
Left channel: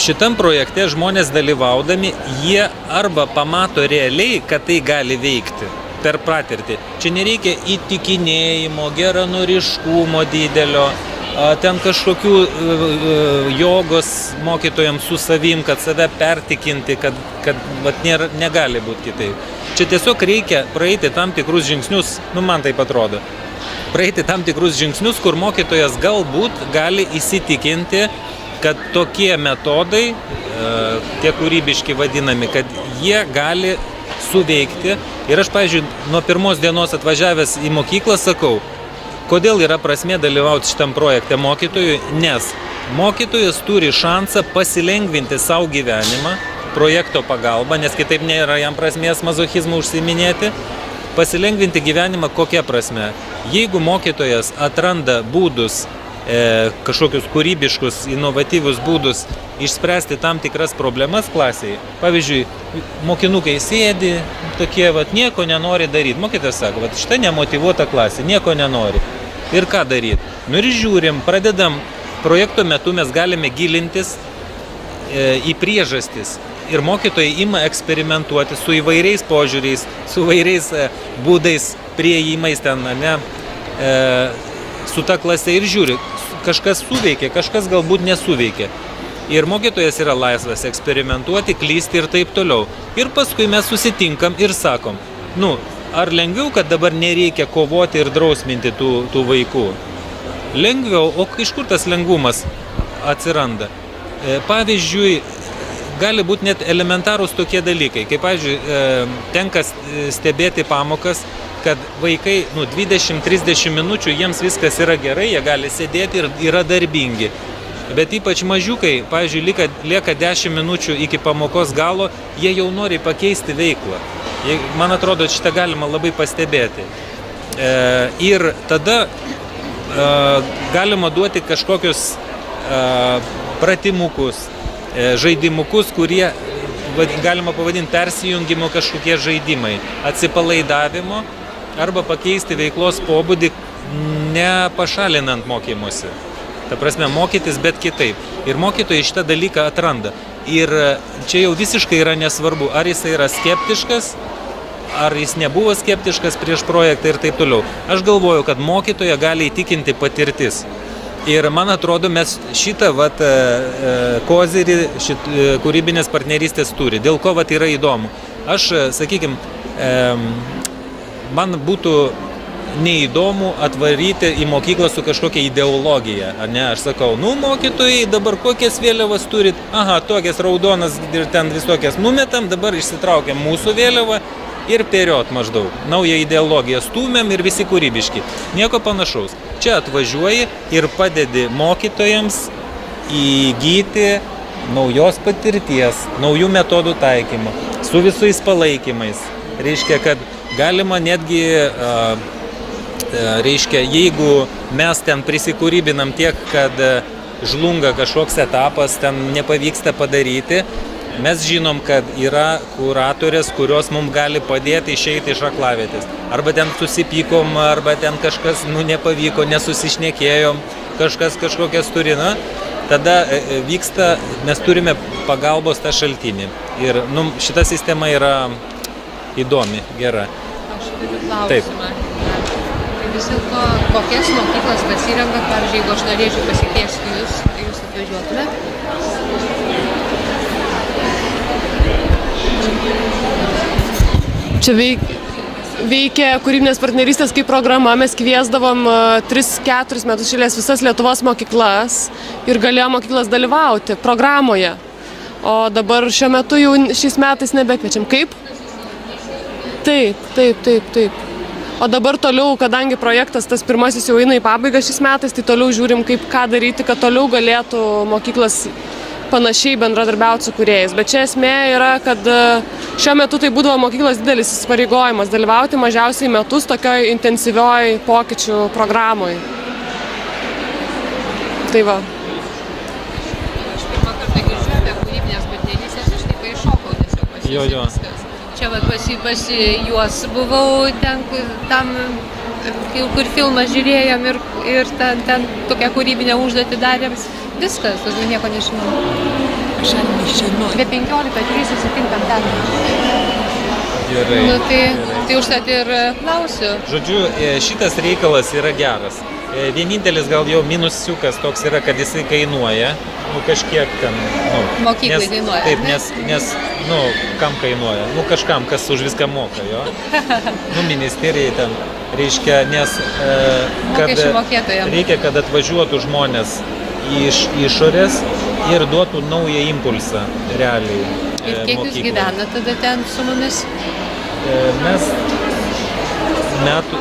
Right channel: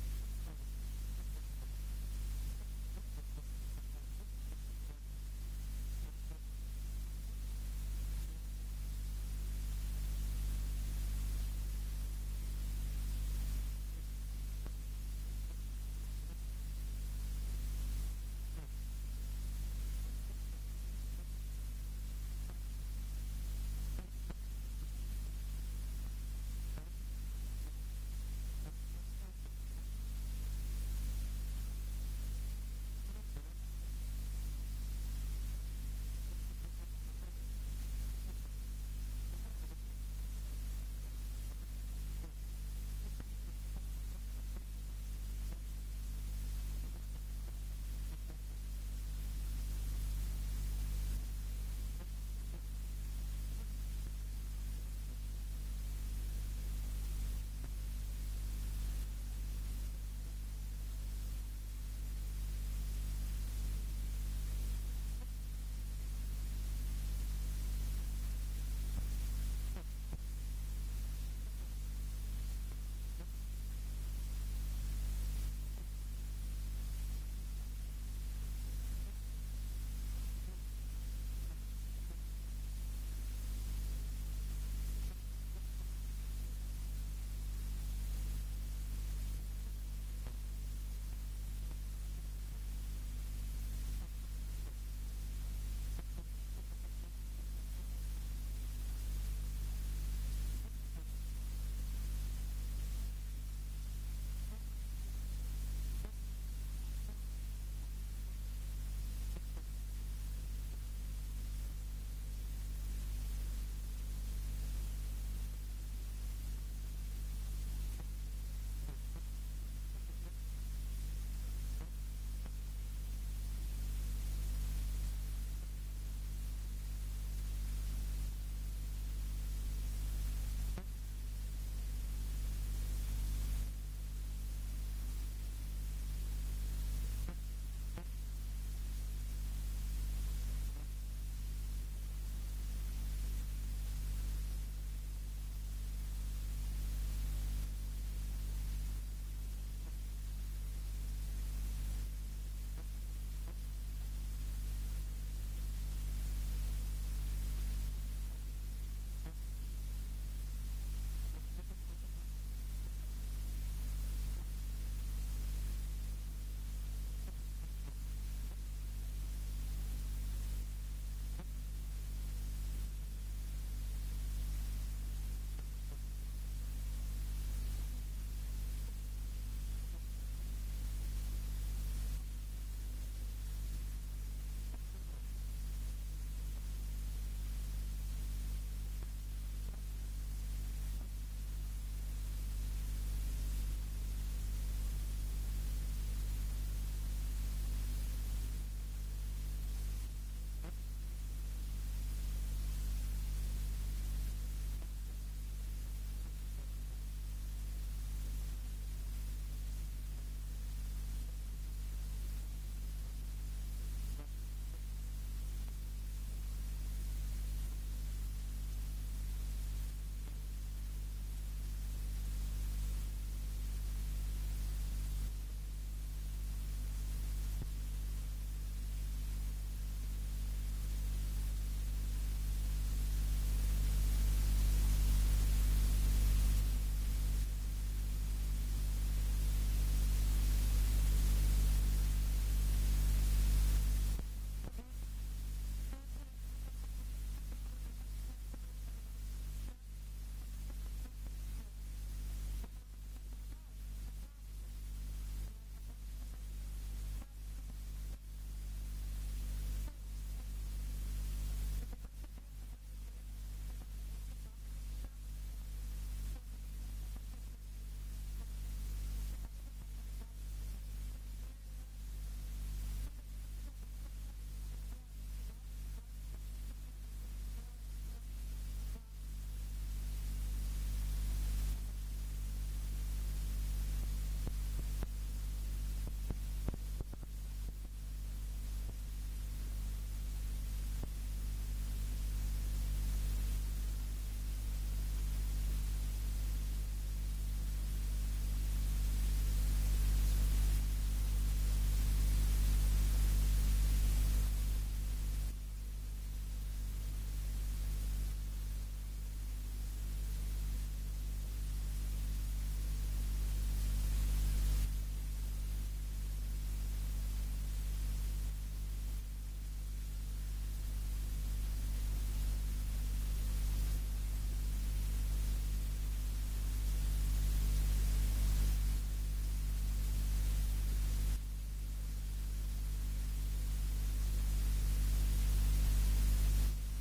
šitam projekte žmonės dalyvaudami, jie arba pamato realiai, kad tai gali veikti per patirtį. Čia nereikia įtikinėjimo, geranoriškumo didelio, ten kažkokių jogos mokytojams su savim, kad save pertikinti, kad negali būti kitaip. Čia tiesiog reikia praeiti tam tikrus žingsnius, man taip atrodo, praeiti tam tikrus žingsnius, kur mokytojas galbūt gali įsitikinti, kad tokie metodai, tie kūrybiški vadinami, kad jie gali suveikti. Ir aš, pavyzdžiui, nuo pirmos dienos atvažiavęs į mokyklą sakau, kodėl yra prasmė dalyvauti šitam projekte mokytojui, nes mokytojas turi šansą pasilengvinti savo gyvenimą projekto pagalba, nes kitaip nėra jam prasmės mazochizmų užsiiminėti. Pasilengvinti gyvenimą kokia prasme? Jeigu mokytojas atranda būdus, kažkokius kūrybiškus, inovatyvius būdus išspręsti tam tikras problemas klasėje. Pavyzdžiui, mokinukai sėdi, tokie, nieko nenori daryti. Mokytojas sako, šitą nemotyvuota klasė, nieko nenori. Ir ką daryti? Ir žiūrim, pradedam, projekto metu mes galime gilintis į priežastis. Ir mokytojai ima eksperimentuoti su įvairiais požiūriais, su įvairiais būdais, prieimais ten, su ta klase ir žiūri, kažkas suveikia, kažkas galbūt nesuveikia. Ir mokytojas yra laisvas eksperimentuoti, klysti ir taip toliau. Ir paskui mes susitinkam ir sakom, ar lengviau, kad dabar nereikia kovoti ir drausminti tų vaikų? Lengviau, o iš kur tas lengvumas atsiranda? Pavyzdžiui, gali būti net elementarūs tokie dalykai, kaip, pavyzdžiui, tenka stebėti pamokas, kad vaikai 20-30 minučių jiems viskas yra gerai, jie gali sėdėti ir yra darbingi. Bet ypač mažiukai, pavyzdžiui, lieka 10 minučių iki pamokos galo, jie jau nori pakeisti veiklą. Man atrodo, šitą galima labai pastebėti. Ir tada galima duoti kažkokius pratimukus, žaidimukus, kurie galima pavadinti persijungimo kažkokie žaidimai, atsipalaidavimo arba pakeisti veiklos pobūdį, nepašalinant mokymusi. Ta prasme, mokytis, bet kitaip. Ir mokytojai šitą dalyką atranda. Ir čia jau visiškai yra nesvarbu, ar jis yra skeptiškas, ar jis nebuvo skeptiškas prieš projektą ir taip toliau. Aš galvoju, kad mokytoją gali įtikinti patirtis. Ir man atrodo, mes šitą kozirį kūrybinės partnerystės turi. Dėl ko yra įdomu. Aš, sakykime, man būtų neįdomu atvaryti į mokyklą su kažkokia ideologija. Aš sakau, mokytojai dabar kokias vėliavas turit? Aha, tokias raudonas ir ten visokias numetam, dabar išsitraukiam mūsų vėliavą ir period maždaug. Naują ideologiją stūmėm ir visi kūrybiški. Nieko panašaus. Čia atvažiuoji ir padedi mokytojams įgyti naujos patirties, naujų metodų taikymą, su visais palaikymais. Reiškia, kad galima netgi, jeigu mes ten prisikūrybinam tiek, kad žlunga kažkoks etapas, ten nepavyksta padaryti, mes žinom, kad yra kuratorės, kurios mums gali padėti išeiti iš aklavietės. Arba ten susipykom, arba ten kažkas nepavyko, nesusišnekėjom, kažkas kažkokias turi. Tada vyksta, mes turime pagalbos tą šaltinį. Ir šita sistema yra įdomi, gera. Aš turiu klausimą. Tai vis dėlto, kokias mokyklas pasirenkat, pavyzdžiui, jeigu aš norėčiau pasikviesti jūs, tai jūs atvažiuotumėt? Čia veikia kūrybinės partnerystės kaip programa, mes kviesdavom 3-4 metus šilės visas Lietuvos mokyklas ir galėjo mokyklas dalyvauti programoje. O dabar šiuo metu jau šiais metais nebekviečiam. Kaip? Taip. O dabar toliau, kadangi projektas tas pirmasis jau eina į pabaigą šiais metais, tai toliau žiūrim, ką daryti, kad toliau galėtų mokyklas panašiai bendradarbiauti su kūrėjais. Bet čia esmė yra, kad šiuo metu tai būdavo mokyklos didelis įsipareigojimas dalyvauti mažiausiai metus tokioj intensyvioj pokyčių programoj. Tai va. Aš pirmą kartą girdžiu apie kūrybinės partnerystės, aš tik iššokau tiesiog Jo. Čia pas juos buvau ten, tam kur filmą žiūrėjom ir ten tokią kūrybinę užduotį darėm. Viskas, daugiau nieko nežinau. Aš nežinau. Be 15 susitinkam ten. Gerai. Nu, tai užtat ir klausiu. Žodžiu, šitas reikalas yra geras. Vienintelis gal jau minusiukas toks yra, kad jisai kainuoja, kažkiek ten, Mokyklai kainuoja. Taip, nes, kam kainuoja? Kažkam, kas už viską moka, jo. Ministerijai ten, reiškia, nes Mokesčių mokėtojams. reikia, kad atvažiuotų žmonės iš išorės ir duotų naują impulsą realiai. Ir kiek jūs mokyklai. gyvena tada ten su mumis? Mes metų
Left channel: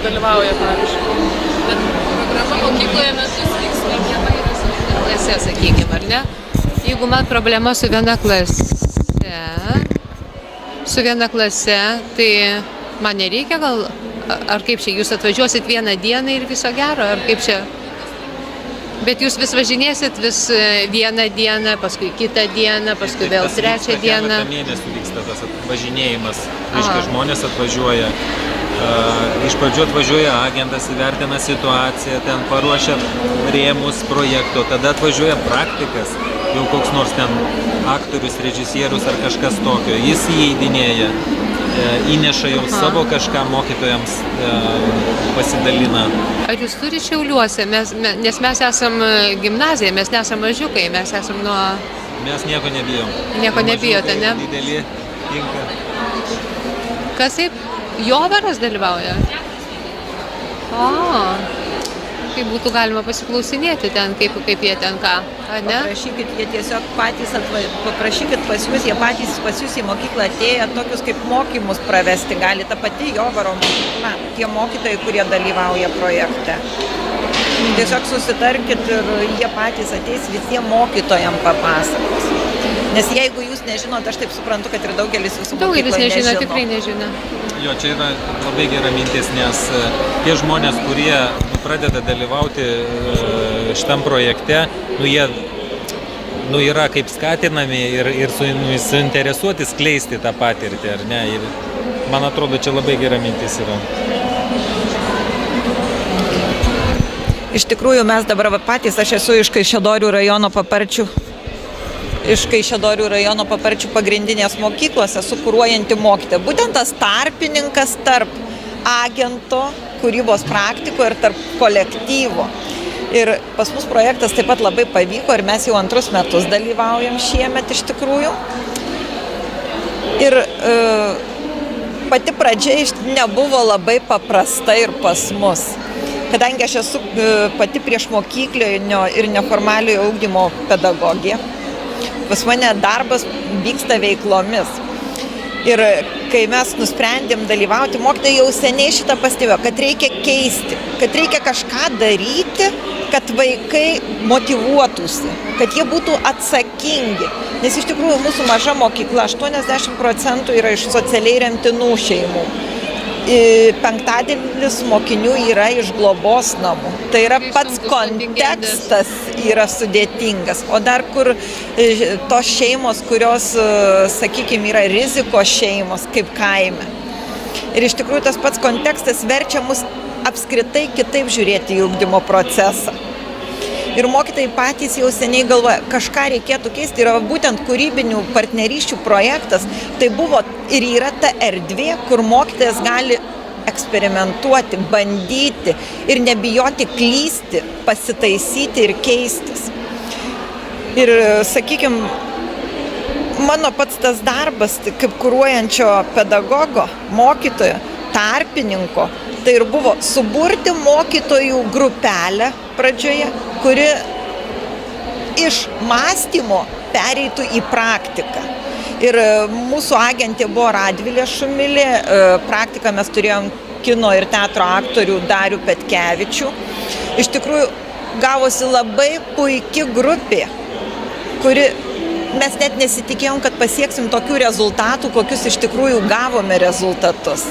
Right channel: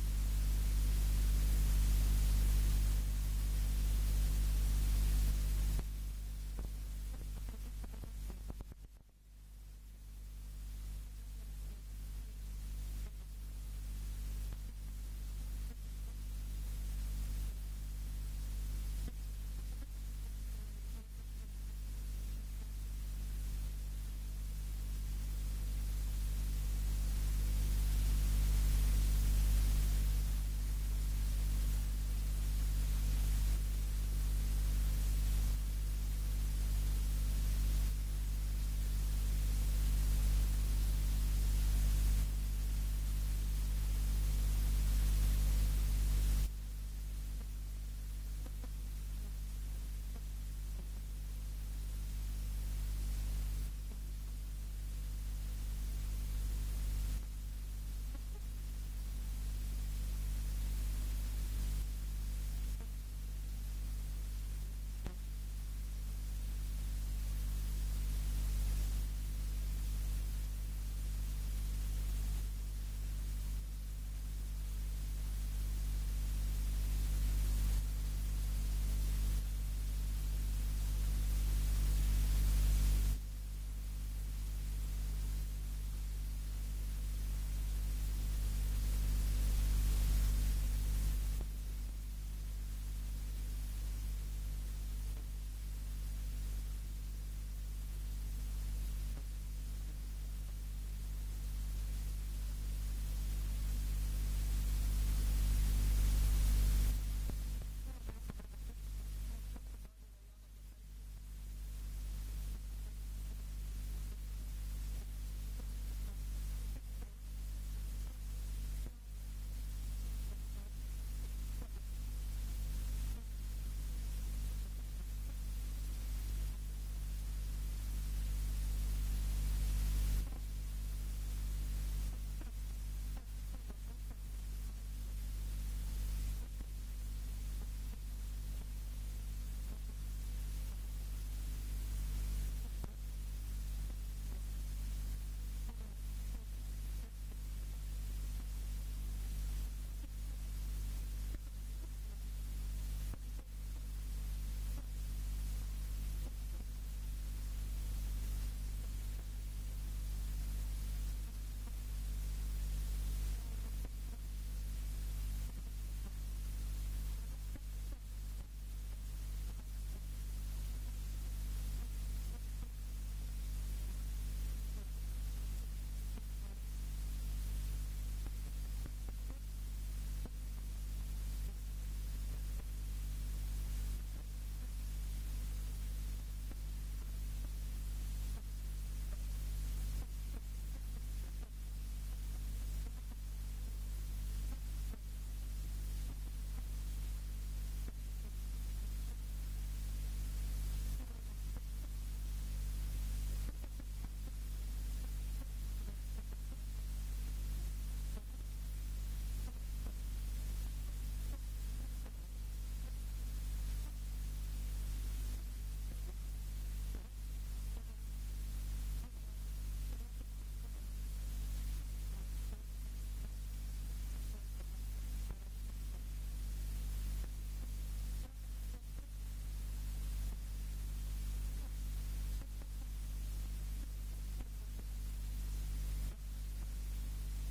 Dalyvauja, pavyzdžiui. Bet programa mokykloje metus vyks viena klase, sakykime, ar ne? Jeigu man problema su viena klase, tai man nereikia gal, ar kaip čia, jūs atvažiuosit vieną dieną ir viso gero, ar kaip čia? Bet jūs vis važinėsit vis vieną dieną, paskui kitą dieną, paskui vėl trečią dieną. Keletą mėnesių vyksta tas važinėjimas. Reiškia, žmonės atvažiuoja. Iš pradžių atvažiuoja agentas, įvertina situaciją, ten paruošia rėmus projekto, tada atvažiuoja praktikas, jau koks nors ten aktorius, režisierius ar kažkas tokio. Jis įeidinėja, įneša jau savo kažką mokytojams, pasidalina. Ar jūs turite Šiauliuose? Nes mes esam gimnazija, mes nesam mažiukai, mes esam nuo... Mes nieko nebijom. Nieko nebijote, ne? Dideli tinka. Kas taip? Jovaras dalyvauja? O, kaip būtų galima pasiklausinėti ten, kaip jie ten ką, ar ne? Paprašykit, jie tiesiog patys paprašykit pas jūs, jie patys pas jūs į mokyklą atėję, tokius kaip mokymus pravesti gali ta pati Jovaro mokykla, tie mokytojai, kurie dalyvauja projekte. Tiesiog susitarkit ir jie patys ateis visiems mokytojams papasakos. Nes jeigu jūs nežinot, aš taip suprantu, kad ir daugelis jūsų Daugelis mokykloje nežino, nežino. tikrai nežino. Jo, čia yra labai gera mintis, nes tie žmonės, kurie pradeda dalyvauti šitam projekte, jie yra kaip skatinami ir suinteresuoti skleisti tą patirtį, ar ne? Ir man atrodo, čia labai gera mintis yra. Iš tikrųjų, mes dabar patys, aš esu iš Kaišiadorių rajono Paparčių. Iš Kaišiadorių rajono Paparčių pagrindinės mokyklos esu kuruojanti mokytoja. Būtent tas tarpininkas tarp agento, kūrybos praktiko ir tarp kolektyvo. Ir pas mus projektas taip pat labai pavyko ir mes jau 2 metus dalyvaujam šiemet iš tikrųjų. Ir pati pradžia nebuvo labai paprasta ir pas mus. Kadangi aš esu pati priešmokyklinio ir neformaliojo ugdymo pedagogė, pas mane darbas vyksta veiklomis. Ir kai mes nusprendėm dalyvauti, mokytojai jau seniai šitą pastebėjo, kad reikia keisti, kad reikia kažką daryti, kad vaikai motyvuotųsi, kad jie būtų atsakingi. Nes iš tikrųjų mūsų maža mokykla, 80% yra iš socialiai remtinų šeimų. 5% mokinių yra iš globos namų. Tai yra pats kontekstas yra sudėtingas. O dar kur tos šeimos, kurios, sakykime, yra rizikos šeimos, kaip kaime. Ir iš tikrųjų tas pats kontekstas verčia mus apskritai kitaip žiūrėti į ugdymo procesą. Ir mokytojai patys jau seniai galvoja, kažką reikėtų keisti. Yra būtent kūrybinių partnerysčių projektas. Tai buvo ir yra ta erdvė, kur mokytojas gali eksperimentuoti, bandyti ir nebijoti klysti, pasitaisyti ir keistis. Ir, sakykime, mano pats tas darbas, kaip kuruojančio pedagogo, mokytojo, tarpininko, tai ir buvo suburti mokytojų grupelę pradžioje, kuri iš mąstymo pereitų į praktiką. Ir mūsų agentė buvo Radvilė Šumilė, praktiką mes turėjom kino ir teatro aktorių Darių Petkevičių. Iš tikrųjų gavosi labai puiki grupė, kuri mes net nesitikėjom, kad pasieksim tokių rezultatų, kokius iš tikrųjų gavome rezultatus.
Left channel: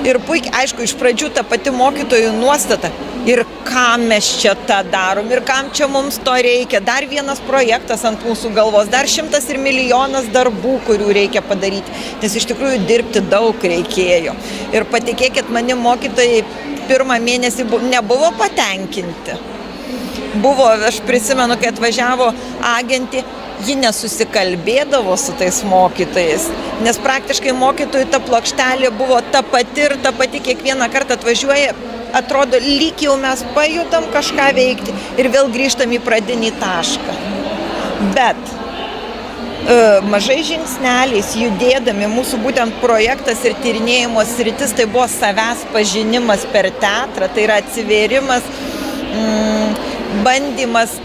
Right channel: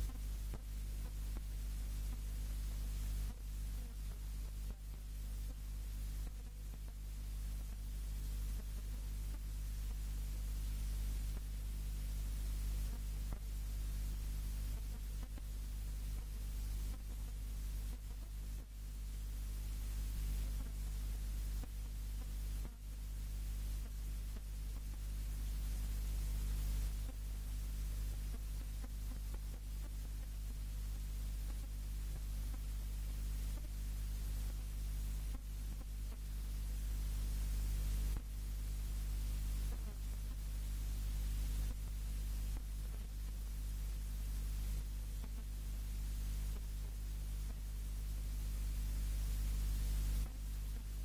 Ir puikiai, aišku, iš pradžių ta pati mokytojų nuostata. Ir kam mes čia tą darom, ir kam čia mums to reikia. Dar vienas projektas ant mūsų galvos, dar 100 ir milijonas darbų, kurių reikia padaryti. Nes iš tikrųjų dirbti daug reikėjo. Ir patikėkit, mani mokytojai pirmą mėnesį nebuvo patenkinti. Buvo, aš prisimenu, kai atvažiavo agentė, ji nesusikalbėdavo su tais mokytojais, nes praktiškai mokytojų ta plokštelė buvo ta pati kiekvieną kartą atvažiuoja, atrodo, lyg jau mes pajudam kažką veikti ir vėl grįžtam į pradinį tašką. Bet mažai žingsneliais judėdami, mūsų būtent projektas ir tyrinėjimo sritis, tai buvo savęs pažinimas per teatrą, tai yra atsivėrimas, bandymas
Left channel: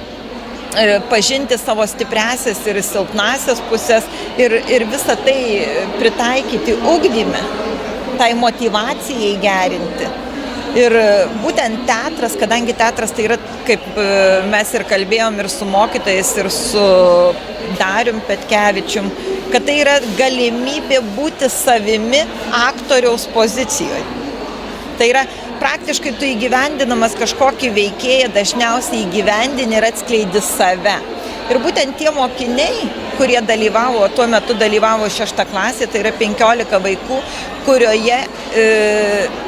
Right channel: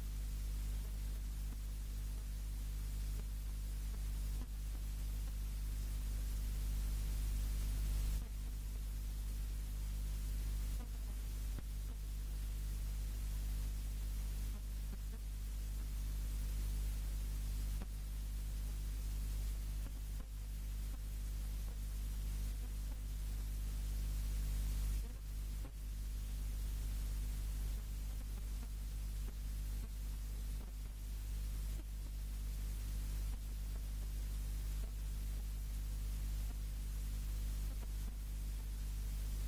pažinti savo stipriasias ir silpnasias pusės ir visą tai pritaikyti ugdyme, tai motyvacijai gerinti. Ir būtent teatras, kadangi teatras tai yra, kaip mes ir kalbėjom ir su mokytojais, ir su Darium Petkevičium, kad tai yra galimybė būti savimi aktoriaus pozicijoje. Tai yra praktiškai tu įgyvendinamas kažkokį veikėją, dažniausiai įgyvendini ir atskleidi save. Ir būtent tie mokiniai, kurie dalyvavo, tuo metu dalyvavo 6 klasė, tai yra 15 vaikų, kurioje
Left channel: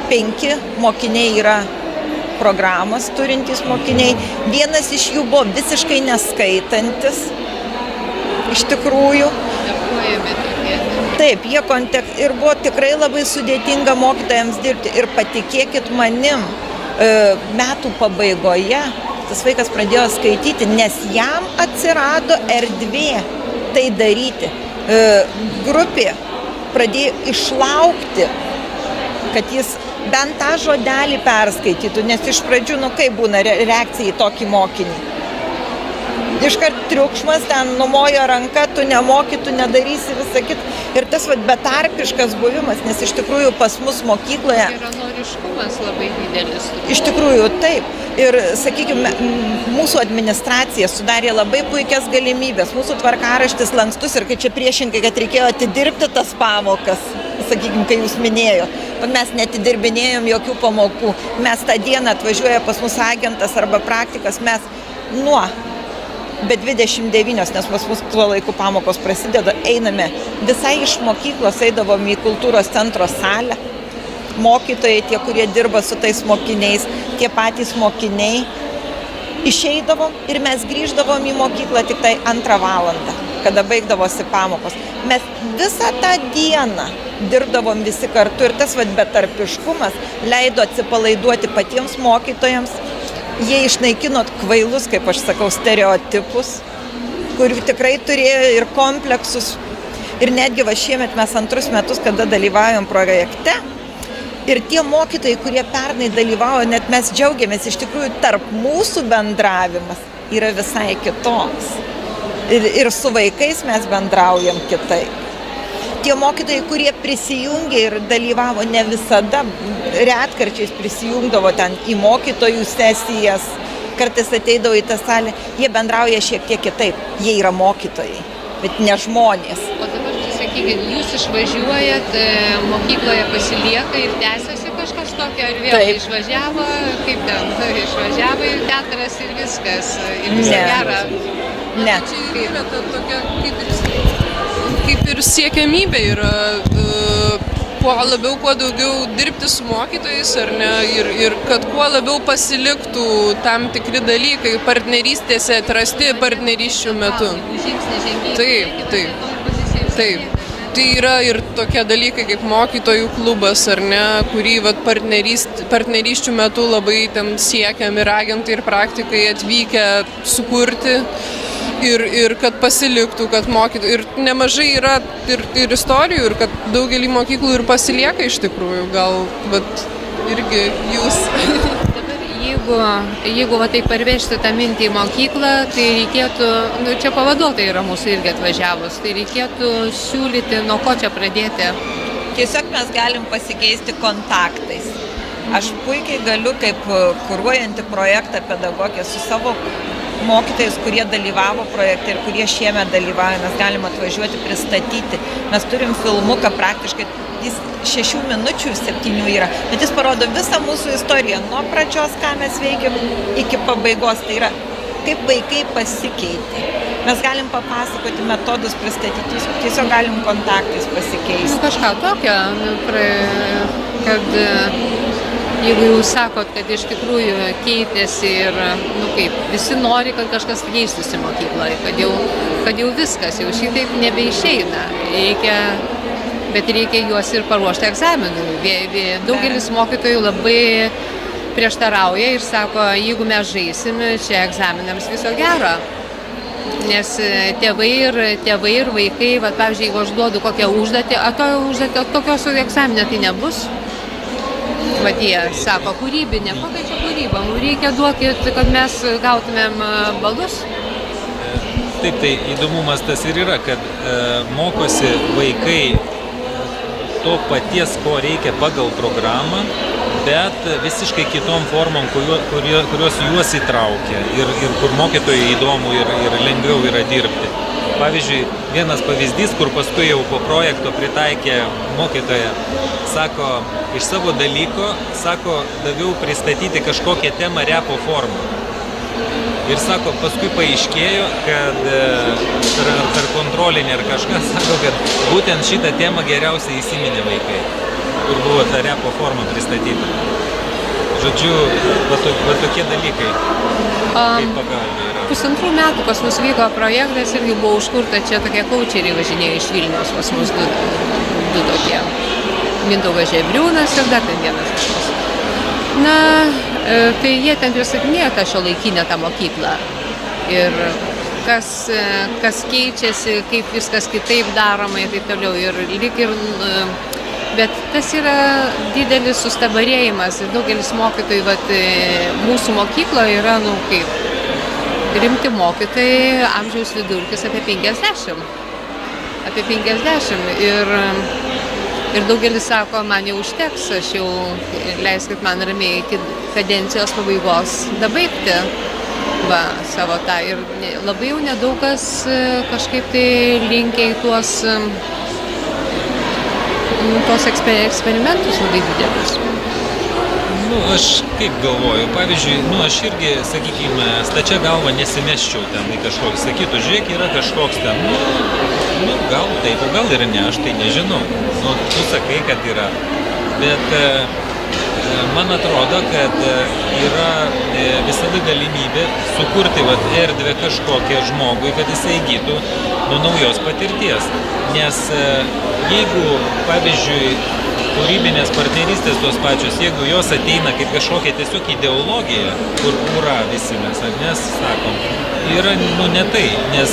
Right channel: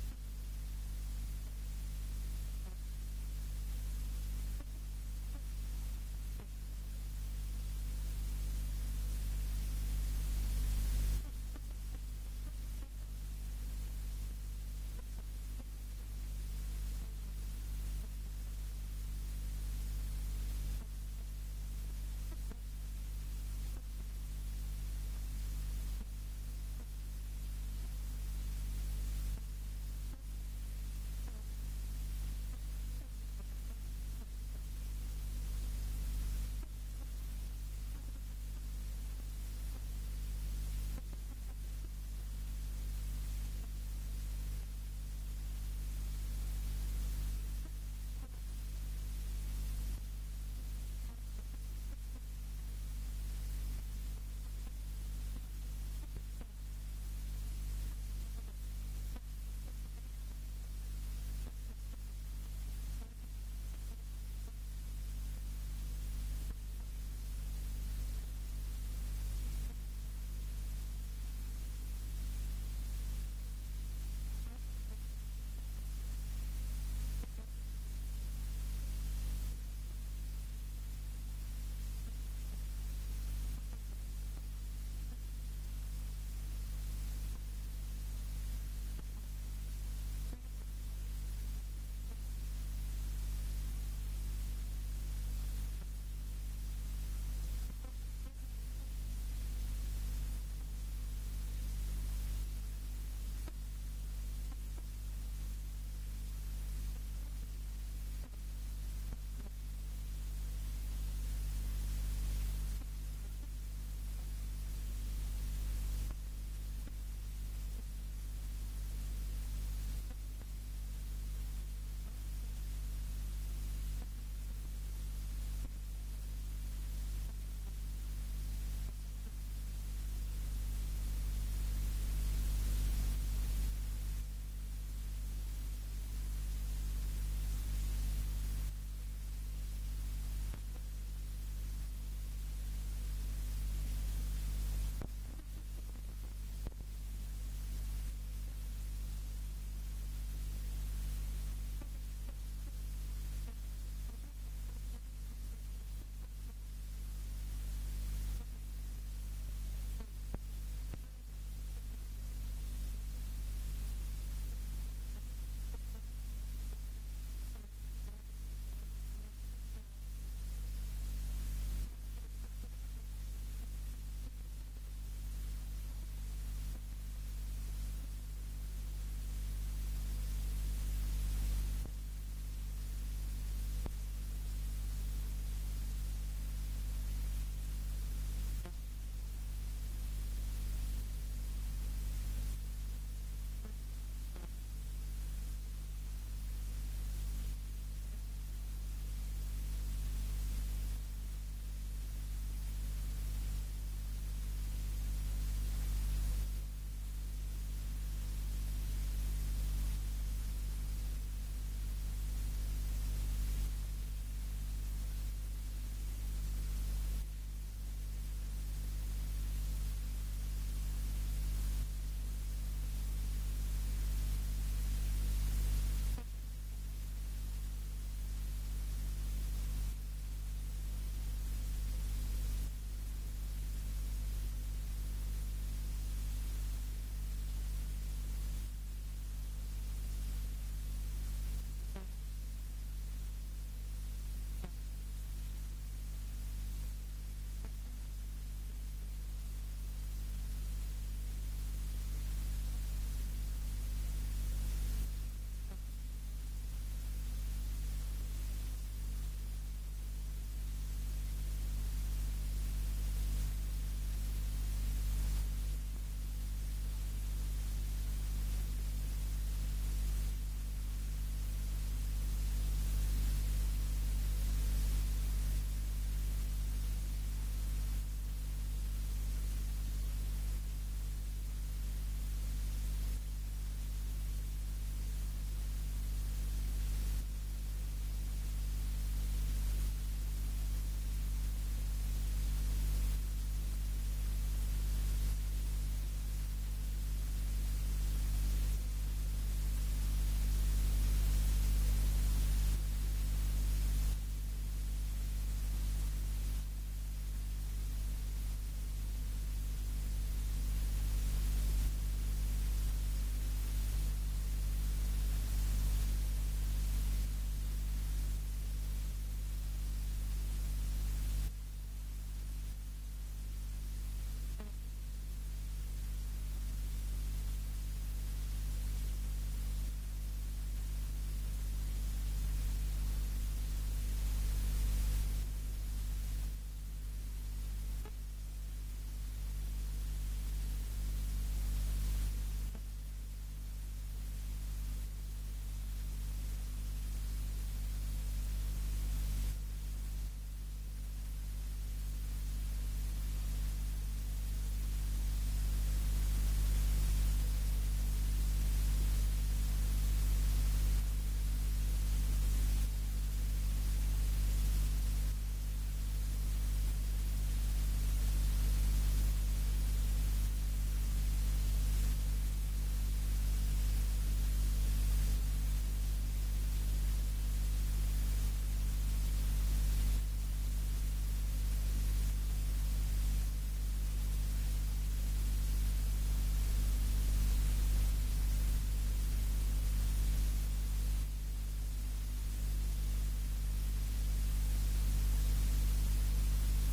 5 mokiniai yra programas turintys mokiniai. Vienas iš jų buvo visiškai neskaitantis, iš tikrųjų. Taip, jie ir buvo tikrai labai sudėtinga mokytojams dirbti. Ir patikėkit manim, metų pabaigoje tas vaikas pradėjo skaityti, nes jam atsirado erdvė tai daryti. Grupė pradėjo išlaukti, kad jis bent tą žodelį perskaitytų, nes iš pradžių, kaip būna reakcija į tokį mokinį. Iškart triukšmas, ten numojo ranka, tu nemoki, tu nedarysi visą kitą. Ir tas betarpiškas buvimas, nes iš tikrųjų pas mus mokykloje... Geranoriškumas labai didelis. Iš tikrųjų, taip. Ir, sakykime, mūsų administracija sudarė labai puikias galimybės. Mūsų tvarkaraštis lankstus ir kai čia priešingai, kad reikėjo atidirbti tas pamokas, sakykime, kai jūs minėjot. Mes netidirbinėjom jokių pamokų. Mes tą dieną atvažiuoja pas mus agentas arba praktikas, mes be 29, nes pas mus tuo laiku pamokos prasideda, einame visai iš mokyklos, eidavom į kultūros centro salę. Mokytojai, tie, kurie dirba su tais mokiniais, tie patys mokiniai, išeidavom ir mes grįždavom į mokyklą tik tai 2 valandą, kada baigdavosi pamokos. Mes visą tą dieną dirbdavom visi kartu ir tas betarpiškumas leido atsipalaiduoti patiems mokytojams. Jie išnaikino kvailus, kaip aš sakau, stereotipus, kurių tikrai turėjo ir kompleksus. Ir netgi šiemet mes 2 metus, kada dalyvaujam projekte, ir tie mokytojai, kurie pernai dalyvavo, net mes džiaugiamės, iš tikrųjų tarp mūsų bendravimas yra visai kitoks. Ir su vaikais mes bendraujam kitaip. Tie mokytojai, kurie prisijungė ir dalyvavo ne visada, retkarčiais prisijungdavo ten į mokytojų sesijas, kartais ateidavo į tą salę, jie bendrauja šiek tiek kitaip. Jie yra mokytojai, bet ne žmonės. O dabar, sakykit, jūs išvažiuojat, mokykloje pasilieka ir tęsiasi kažkas tokio, ar vėl išvažiavo, kaip ten, išvažiavo į teatras ir viskas, ir visą gerą. Ne. Čia yra tokia kaip ir siekiamybė yra kuo daugiau dirbti su mokytojais, ar ne, ir kad kuo labiau pasiliktų tam tikri dalykai partnerystėse atrasti partnerysčių metu. Taip. Tai yra ir tokie dalykai kaip mokytojų klubas, ar ne, kurį partnerysčių metu labai ten siekiam ir agentai ir praktikai atvykę sukurti. Ir kad pasiliktų, kad mokytų. Ir nemažai yra ir istorijų, ir kad daugelį mokyklų ir pasilieka iš tikrųjų. Gal, bet irgi jūs. Dabar jeigu tai parvežti tą mintį į mokyklą, tai reikėtų, čia pavaduotojai yra mūsų irgi atvažiavus, tai reikėtų siūlyti, nuo ko čia pradėti. Tiesiog mes galim pasikeisti kontaktais. Aš puikiai galiu, kaip kuruojanti projektą pedagogė, su savo mokytojais, kurie dalyvavo projekte ir kurie šiemet dalyvauja, mes galim atvažiuoti, pristatyti. Mes turim filmuką praktiškai, jis 6 minučių 7 yra, bet jis parodo visą mūsų istoriją, nuo pradžios, ką mes veikiam, iki pabaigos. Tai yra, kaip vaikai pasikeitė. Mes galim papasakoti metodus, pristatyti, tiesiog galim kontaktais pasikeisti. Kažką tokio, kad jeigu jūs sakot, kad iš tikrųjų keitėsi ir, kaip, visi nori, kad kažkas keistųsi mokykloje, kad jau viskas, jau šitaip nebeišeina. Bet reikia juos ir paruošti egzaminui. Daugelis mokytojų labai prieštarauja ir sako, jeigu mes žaisim, čia egzaminams viso gero. Nes tėvai ir vaikai, pavyzdžiui, jeigu aš duodu kokią užduotį, tokios egzaminė tai nebus. Jie sako, kūrybinė, kokia čia kūryba, reikia duokit, kad mes gautumėm balus. Taip, tai įdomumas tas ir yra, kad mokosi vaikai to paties, ko reikia pagal programą, bet visiškai kitom formom, kurios juos įtraukia ir kur mokytojai įdomu ir lengviau yra dirbti. Pavyzdžiui, vienas pavyzdys, kur paskui jau po projekto pritaikė mokytoja, sako, iš savo dalyko, sako, daviau pristatyti kažkokią temą repo formą. Ir sako, paskui paaiškėjo, kad per kontrolinį ar kažką, sako, kad būtent šitą temą geriausiai įsiminė vaikai, kur buvo ta repo forma pristatyta. Žodžiu, va tokie dalykai, kaip pagalba yra. 1,5 metų pas mus vyko projektas ir jau buvo užkurta, čia tokie kaučeriai važinėjo iš Vilniaus, pas mus du tokie. Mindaugas Žebriūnas ir dar ten vienas iš mūsų. Tai jie ten pristatinėjo tą šiuolaikinę tą mokyklą. Ir kas keičiasi, kaip viskas kitaip daroma ir taip toliau. Bet tas yra didelis sustabarėjimas. Daugelis mokytojų, mūsų mokykloje yra, kaip rimti mokytojai, amžiaus vidurkis apie 50. Apie 50. Ir daugelis sako, man jau užteks, aš jau leiskit man ramiai iki kadencijos pabaigos dabaigti savo tą. Ir labai jau nedaugas kažkaip tai linkia į tuos eksperimentus labai didelius. Aš kaip galvoju, pavyzdžiui, aš irgi, sakykime, stačia galva nesimesčiau ten į kažkokį, sakytų, žiūrėk, yra kažkoks ten, gal taip, o gal ir ne, aš tai nežinau. Tu sakai, kad yra, bet man atrodo, kad yra visada galimybė sukurti erdvę kažkokią žmogui, kad jisai įgytų naujos patirties. Nes jeigu, pavyzdžiui, kūrybinės partnerystės tos pačios, jeigu jos ateina kaip kažkokia tiesiog ideologija, kur visi mes sakom, yra ne tai, nes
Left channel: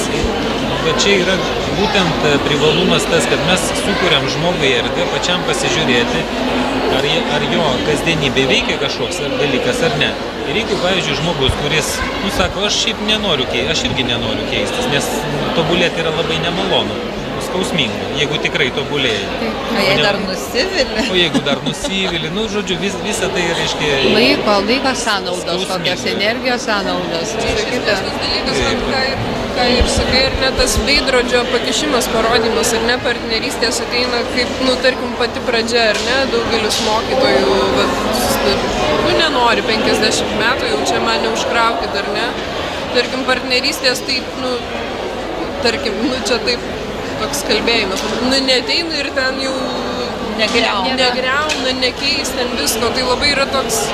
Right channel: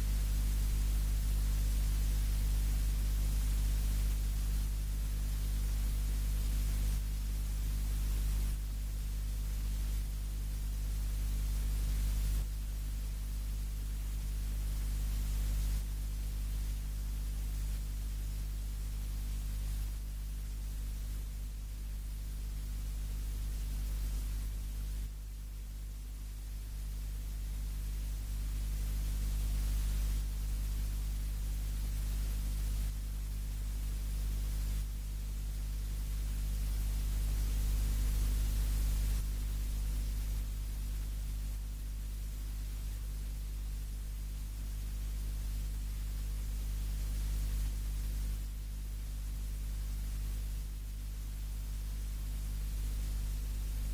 čia yra būtent privalumas tas, kad mes sukuriam žmogui erdvę pačiam pasižiūrėti, ar jo kasdienybė veikia kažkoks dalykas ar ne. Ir jeigu, pavyzdžiui, žmogus, kuris, sako, aš šiaip nenoriu keistis, aš irgi nenoriu keistis, nes tobulėti yra labai nemalonu. Skausminga, jeigu tikrai tobulėjai. O jei dar nusivili? O jeigu dar nusivili, žodžiu, visą tai reiškia... Laiko sąnaudos, kokios energijos sąnaudos. Ką ir sakai, ir ne tas veidrodžio pakišimas, parodymas, ar ne, partnerystės ateina kaip, tarkim, pati pradžia, ar ne, daugelis mokytojų, nenori 50 metų, jau čia man neužkraukit, ar ne. Tarkim, partnerystės taip, čia taip, toks kalbėjimas, neateina ir ten jau negriauna, nekeis ten visko, tai labai yra toks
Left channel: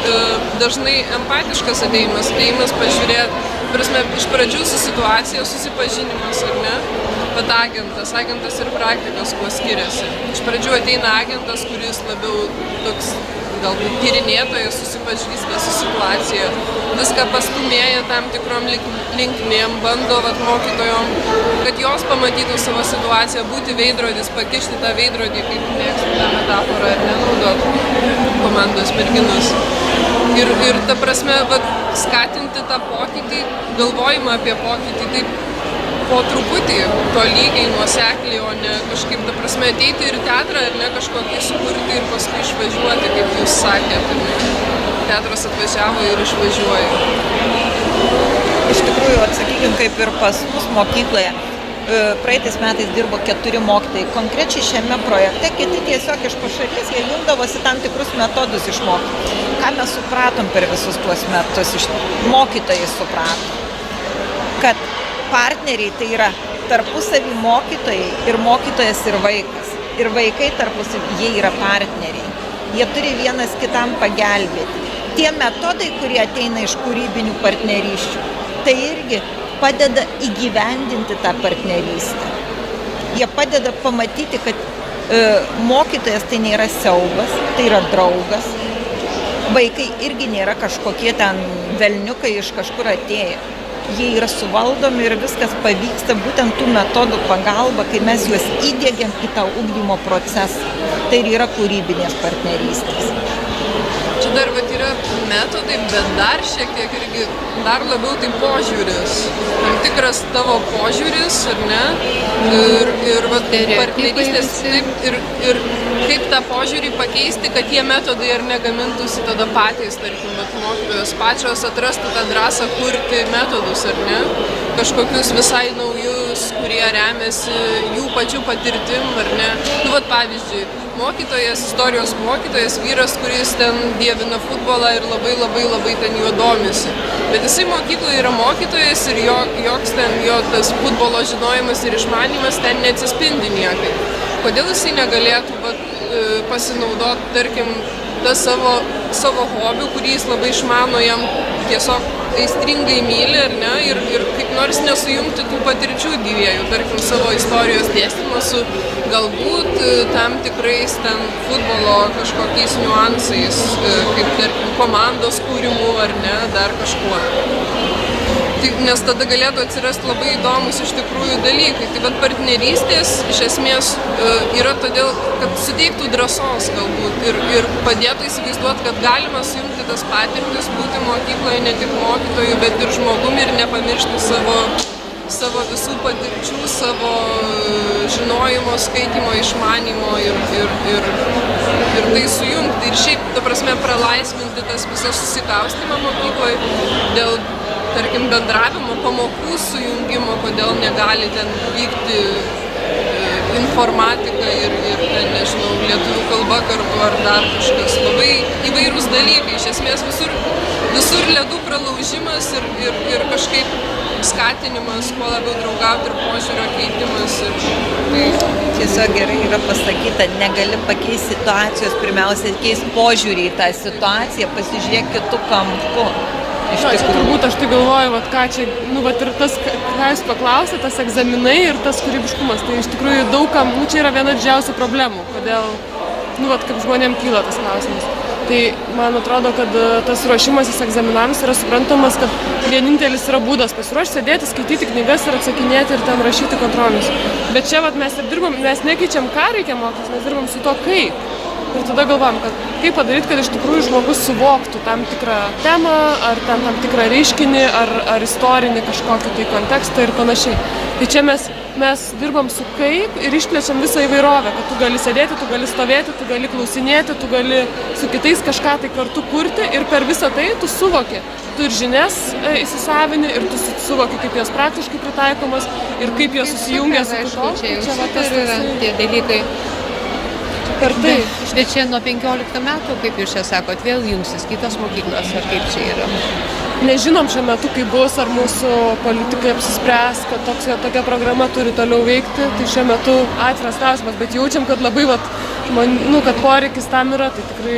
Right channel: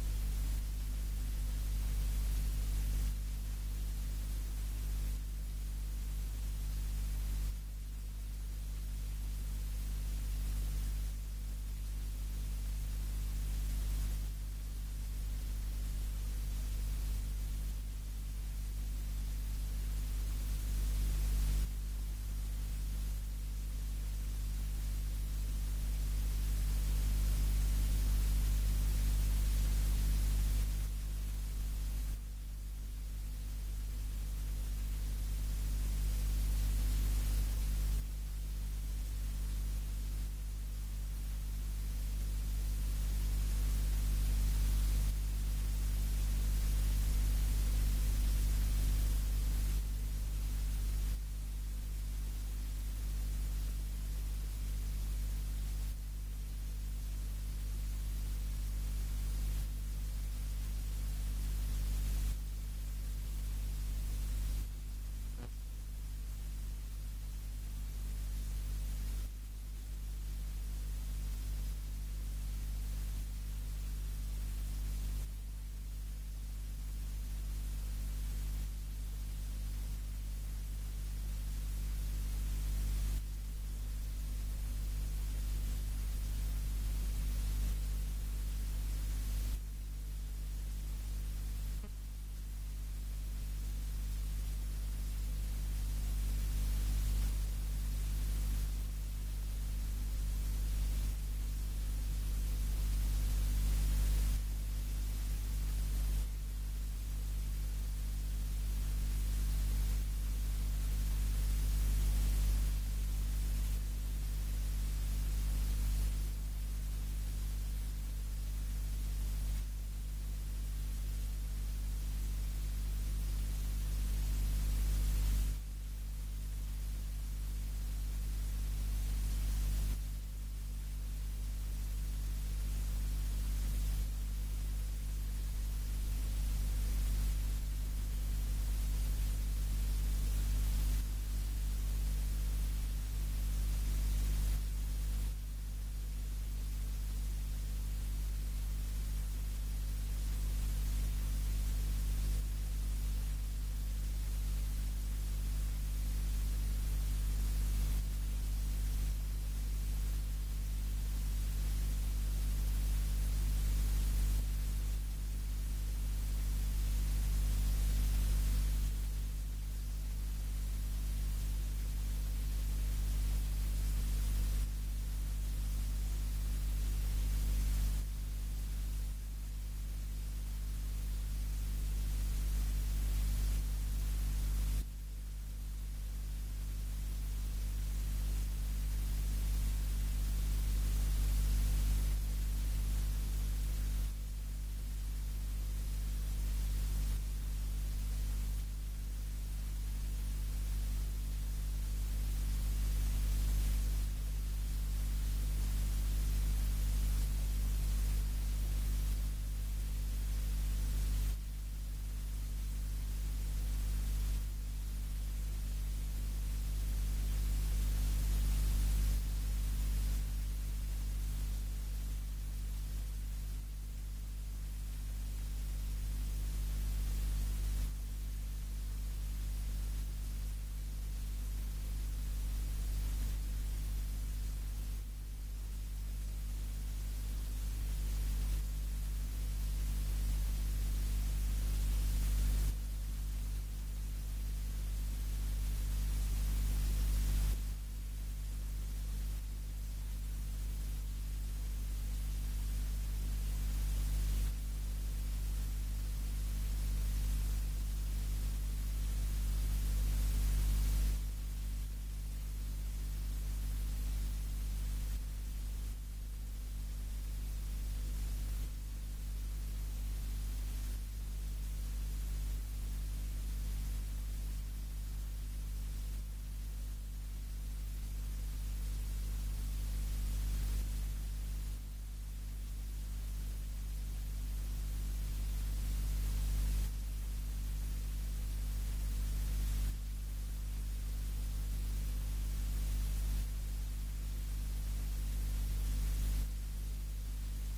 dažnai empatiškas atėjimas pažiūrėti, iš pradžių su situacija, susipažinimas, ar ne, bet agentas ir praktikas kuo skiriasi. Iš pradžių ateina agentas, kuris labiau toks galbūt tyrinėtojas, susipažįsta su situacija, viską pastumėja tam tikrom linkmėm, bando mokytojom, kad jos pamatytų savo situaciją, būti veidrodis, pakišti tą veidrodį, kaip mėgstu tą metaforą, ir nenaudot komandos merginos. Ir ta prasme, skatinti tą pokytį, galvojimą apie pokytį, taip po truputį, tolygiai, nuosekliai, o ne kažkaip, ta prasme, ateiti ir teatrą, ar ne, kažkokį sukurti ir paskui išvažiuoti, kaip jūs sakėte. Teatras atvažiavo ir išvažiuoja. Iš tikrųjų, sakykime, kaip ir pas mus mokykloje, praeitais metais dirbo 4 mokytojai. Konkrečiai šiame projekte kiti tiesiog iš pašalies, jie jungdavosi tam tikrus metodus išmokyti. Ką mes supratom per visus tuos metus, mokytojai suprato, kad partneriai tai yra tarpusavį mokytojai ir mokytojas ir vaikas. Ir vaikai tarpusavį, jie yra partneriai. Jie turi vienas kitam pagelbėti. Tie metodai, kurie ateina iš kūrybinių partnerysčių, tai irgi padeda įgyvendinti tą partnerystę. Jie padeda pamatyti, kad mokytojas tai nėra siaubas, tai yra draugas. Vaikai irgi nėra kažkokie ten velniukai iš kažkur atėję. Jie yra suvaldomi ir viskas pavyksta būtent tų metodų pagalba, kai mes juos įdiegiam į tą ugdymo procesą. Tai ir yra kūrybinės partnerystės. Čia dar yra metodai, bet dar šiek tiek irgi dar labiau tai požiūris. Tam tikras tavo požiūris, ar ne? Ir partnerystės, ir kaip tą požiūrį pakeisti, kad tie metodai ar negamintųsi tada patys, tarkim, mokytojos pačios atrastų tą drąsą kurti metodus, ar ne? Kažkokius visai naujus, kurie remiasi jų pačių patirtim, ar ne? Nu, vat pavyzdžiui, mokytojas, istorijos mokytojas, vyras, kuris ten dievina futbolą ir labai ten juo domisi. Bet jisai mokykloje yra mokytojas ir joks ten jo tas futbolo žinojimas ir išmanimas ten neatsispindi niekai. Kodėl jisai negalėtų pasinaudoti, tarkim, tą savo hobių, kurį jis labai išmano, jam tiesiog aistringai myli, ar ne, ir kaip nors nesujungti tų patirčių dviejų, tarkim, savo istorijos dėstymą su galbūt tam tikrais ten futbolo kažkokiais niuansais, kaip, tarkim, komandos kūrimu, ar ne, dar kažkuo. Nes tada galėtų atsirasti labai įdomus iš tikrųjų dalykai. Tai bet partnerystės iš esmės yra todėl, kad suteiktų drąsos galbūt ir padėtų įsivaizduoti, kad galima sujungti tas patirtis, būti mokykloje ne tik mokytojų, bet ir žmogumi ir nepamiršti savo visų patirčių, savo žinojimo, skaitymo, išmanymo ir tai sujungti. Ir šiaip, ta prasme, pralaisvinti tas visas susikaustymą mokykloje dėl, tarkim, bendravimo, pamokų sujungimo, kodėl negali ten vykti informatika ir ten, nežinau, lietuvių kalba kartu ar dar kažkas. Labai įvairūs dalykai. Iš esmės visur ledų pralaužimas ir kažkaip skatinimas, kuo labiau draugauti ir požiūrio keitimas. Tiesiog gerai yra pasakyta, negali pakeisti situacijos, pirmiausia, keisti požiūrį į tą situaciją, pasižiūrėk kitų kampų. Turbūt aš tai galvoju, ką čia, ir tas, ką jūs paklausėte, tas egzaminai ir tas kūrybiškumas, tai iš tikrųjų daugam, čia yra viena didžiausių problemų, kodėl, kaip žmonėm kyla tas klausimas. Tai man atrodo, kad tas ruošimasis egzaminams yra suprantamas, kad vienintelis yra būdas pasiruošti, sėdėti, skaityti knygas ir atsakinėti ir ten rašyti kontrolinius. Bet čia mes ir dirbam, mes nekeičiam, ką reikia mokytis, mes dirbam su to kaip. Ir tada galvam, kad kaip padaryti, kad iš tikrųjų žmogus suvoktų tam tikrą temą, ar tam tikrą reiškinį, ar istorinį kažkokį tai kontekstą ir panašiai. Tai čia mes dirbam su kaip ir išplečiam visą įvairovę, kad tu gali sėdėti, tu gali stovėti, tu gali klausinėti, tu gali su kitais kažką tai kartu kurti ir per visą tai tu suvoki. Tu ir žinias įsisavini ir tu suvoki, kaip jos praktiškai pritaikomas ir kaip jos susijungia su kitom. Čia yra tie dalykai. Bet čia nuo 15 metų, kaip jūs čia sakot, vėl jungsis kitos mokyklos, ar kaip čia yra? Nežinom šiuo metu, kaip bus, ar mūsų politikai apsispręs, kad tokia programa turi toliau veikti. Tai šiuo metu atviras klausimas, bet jaučiam, kad labai, kad poreikis tam yra, tai tikrai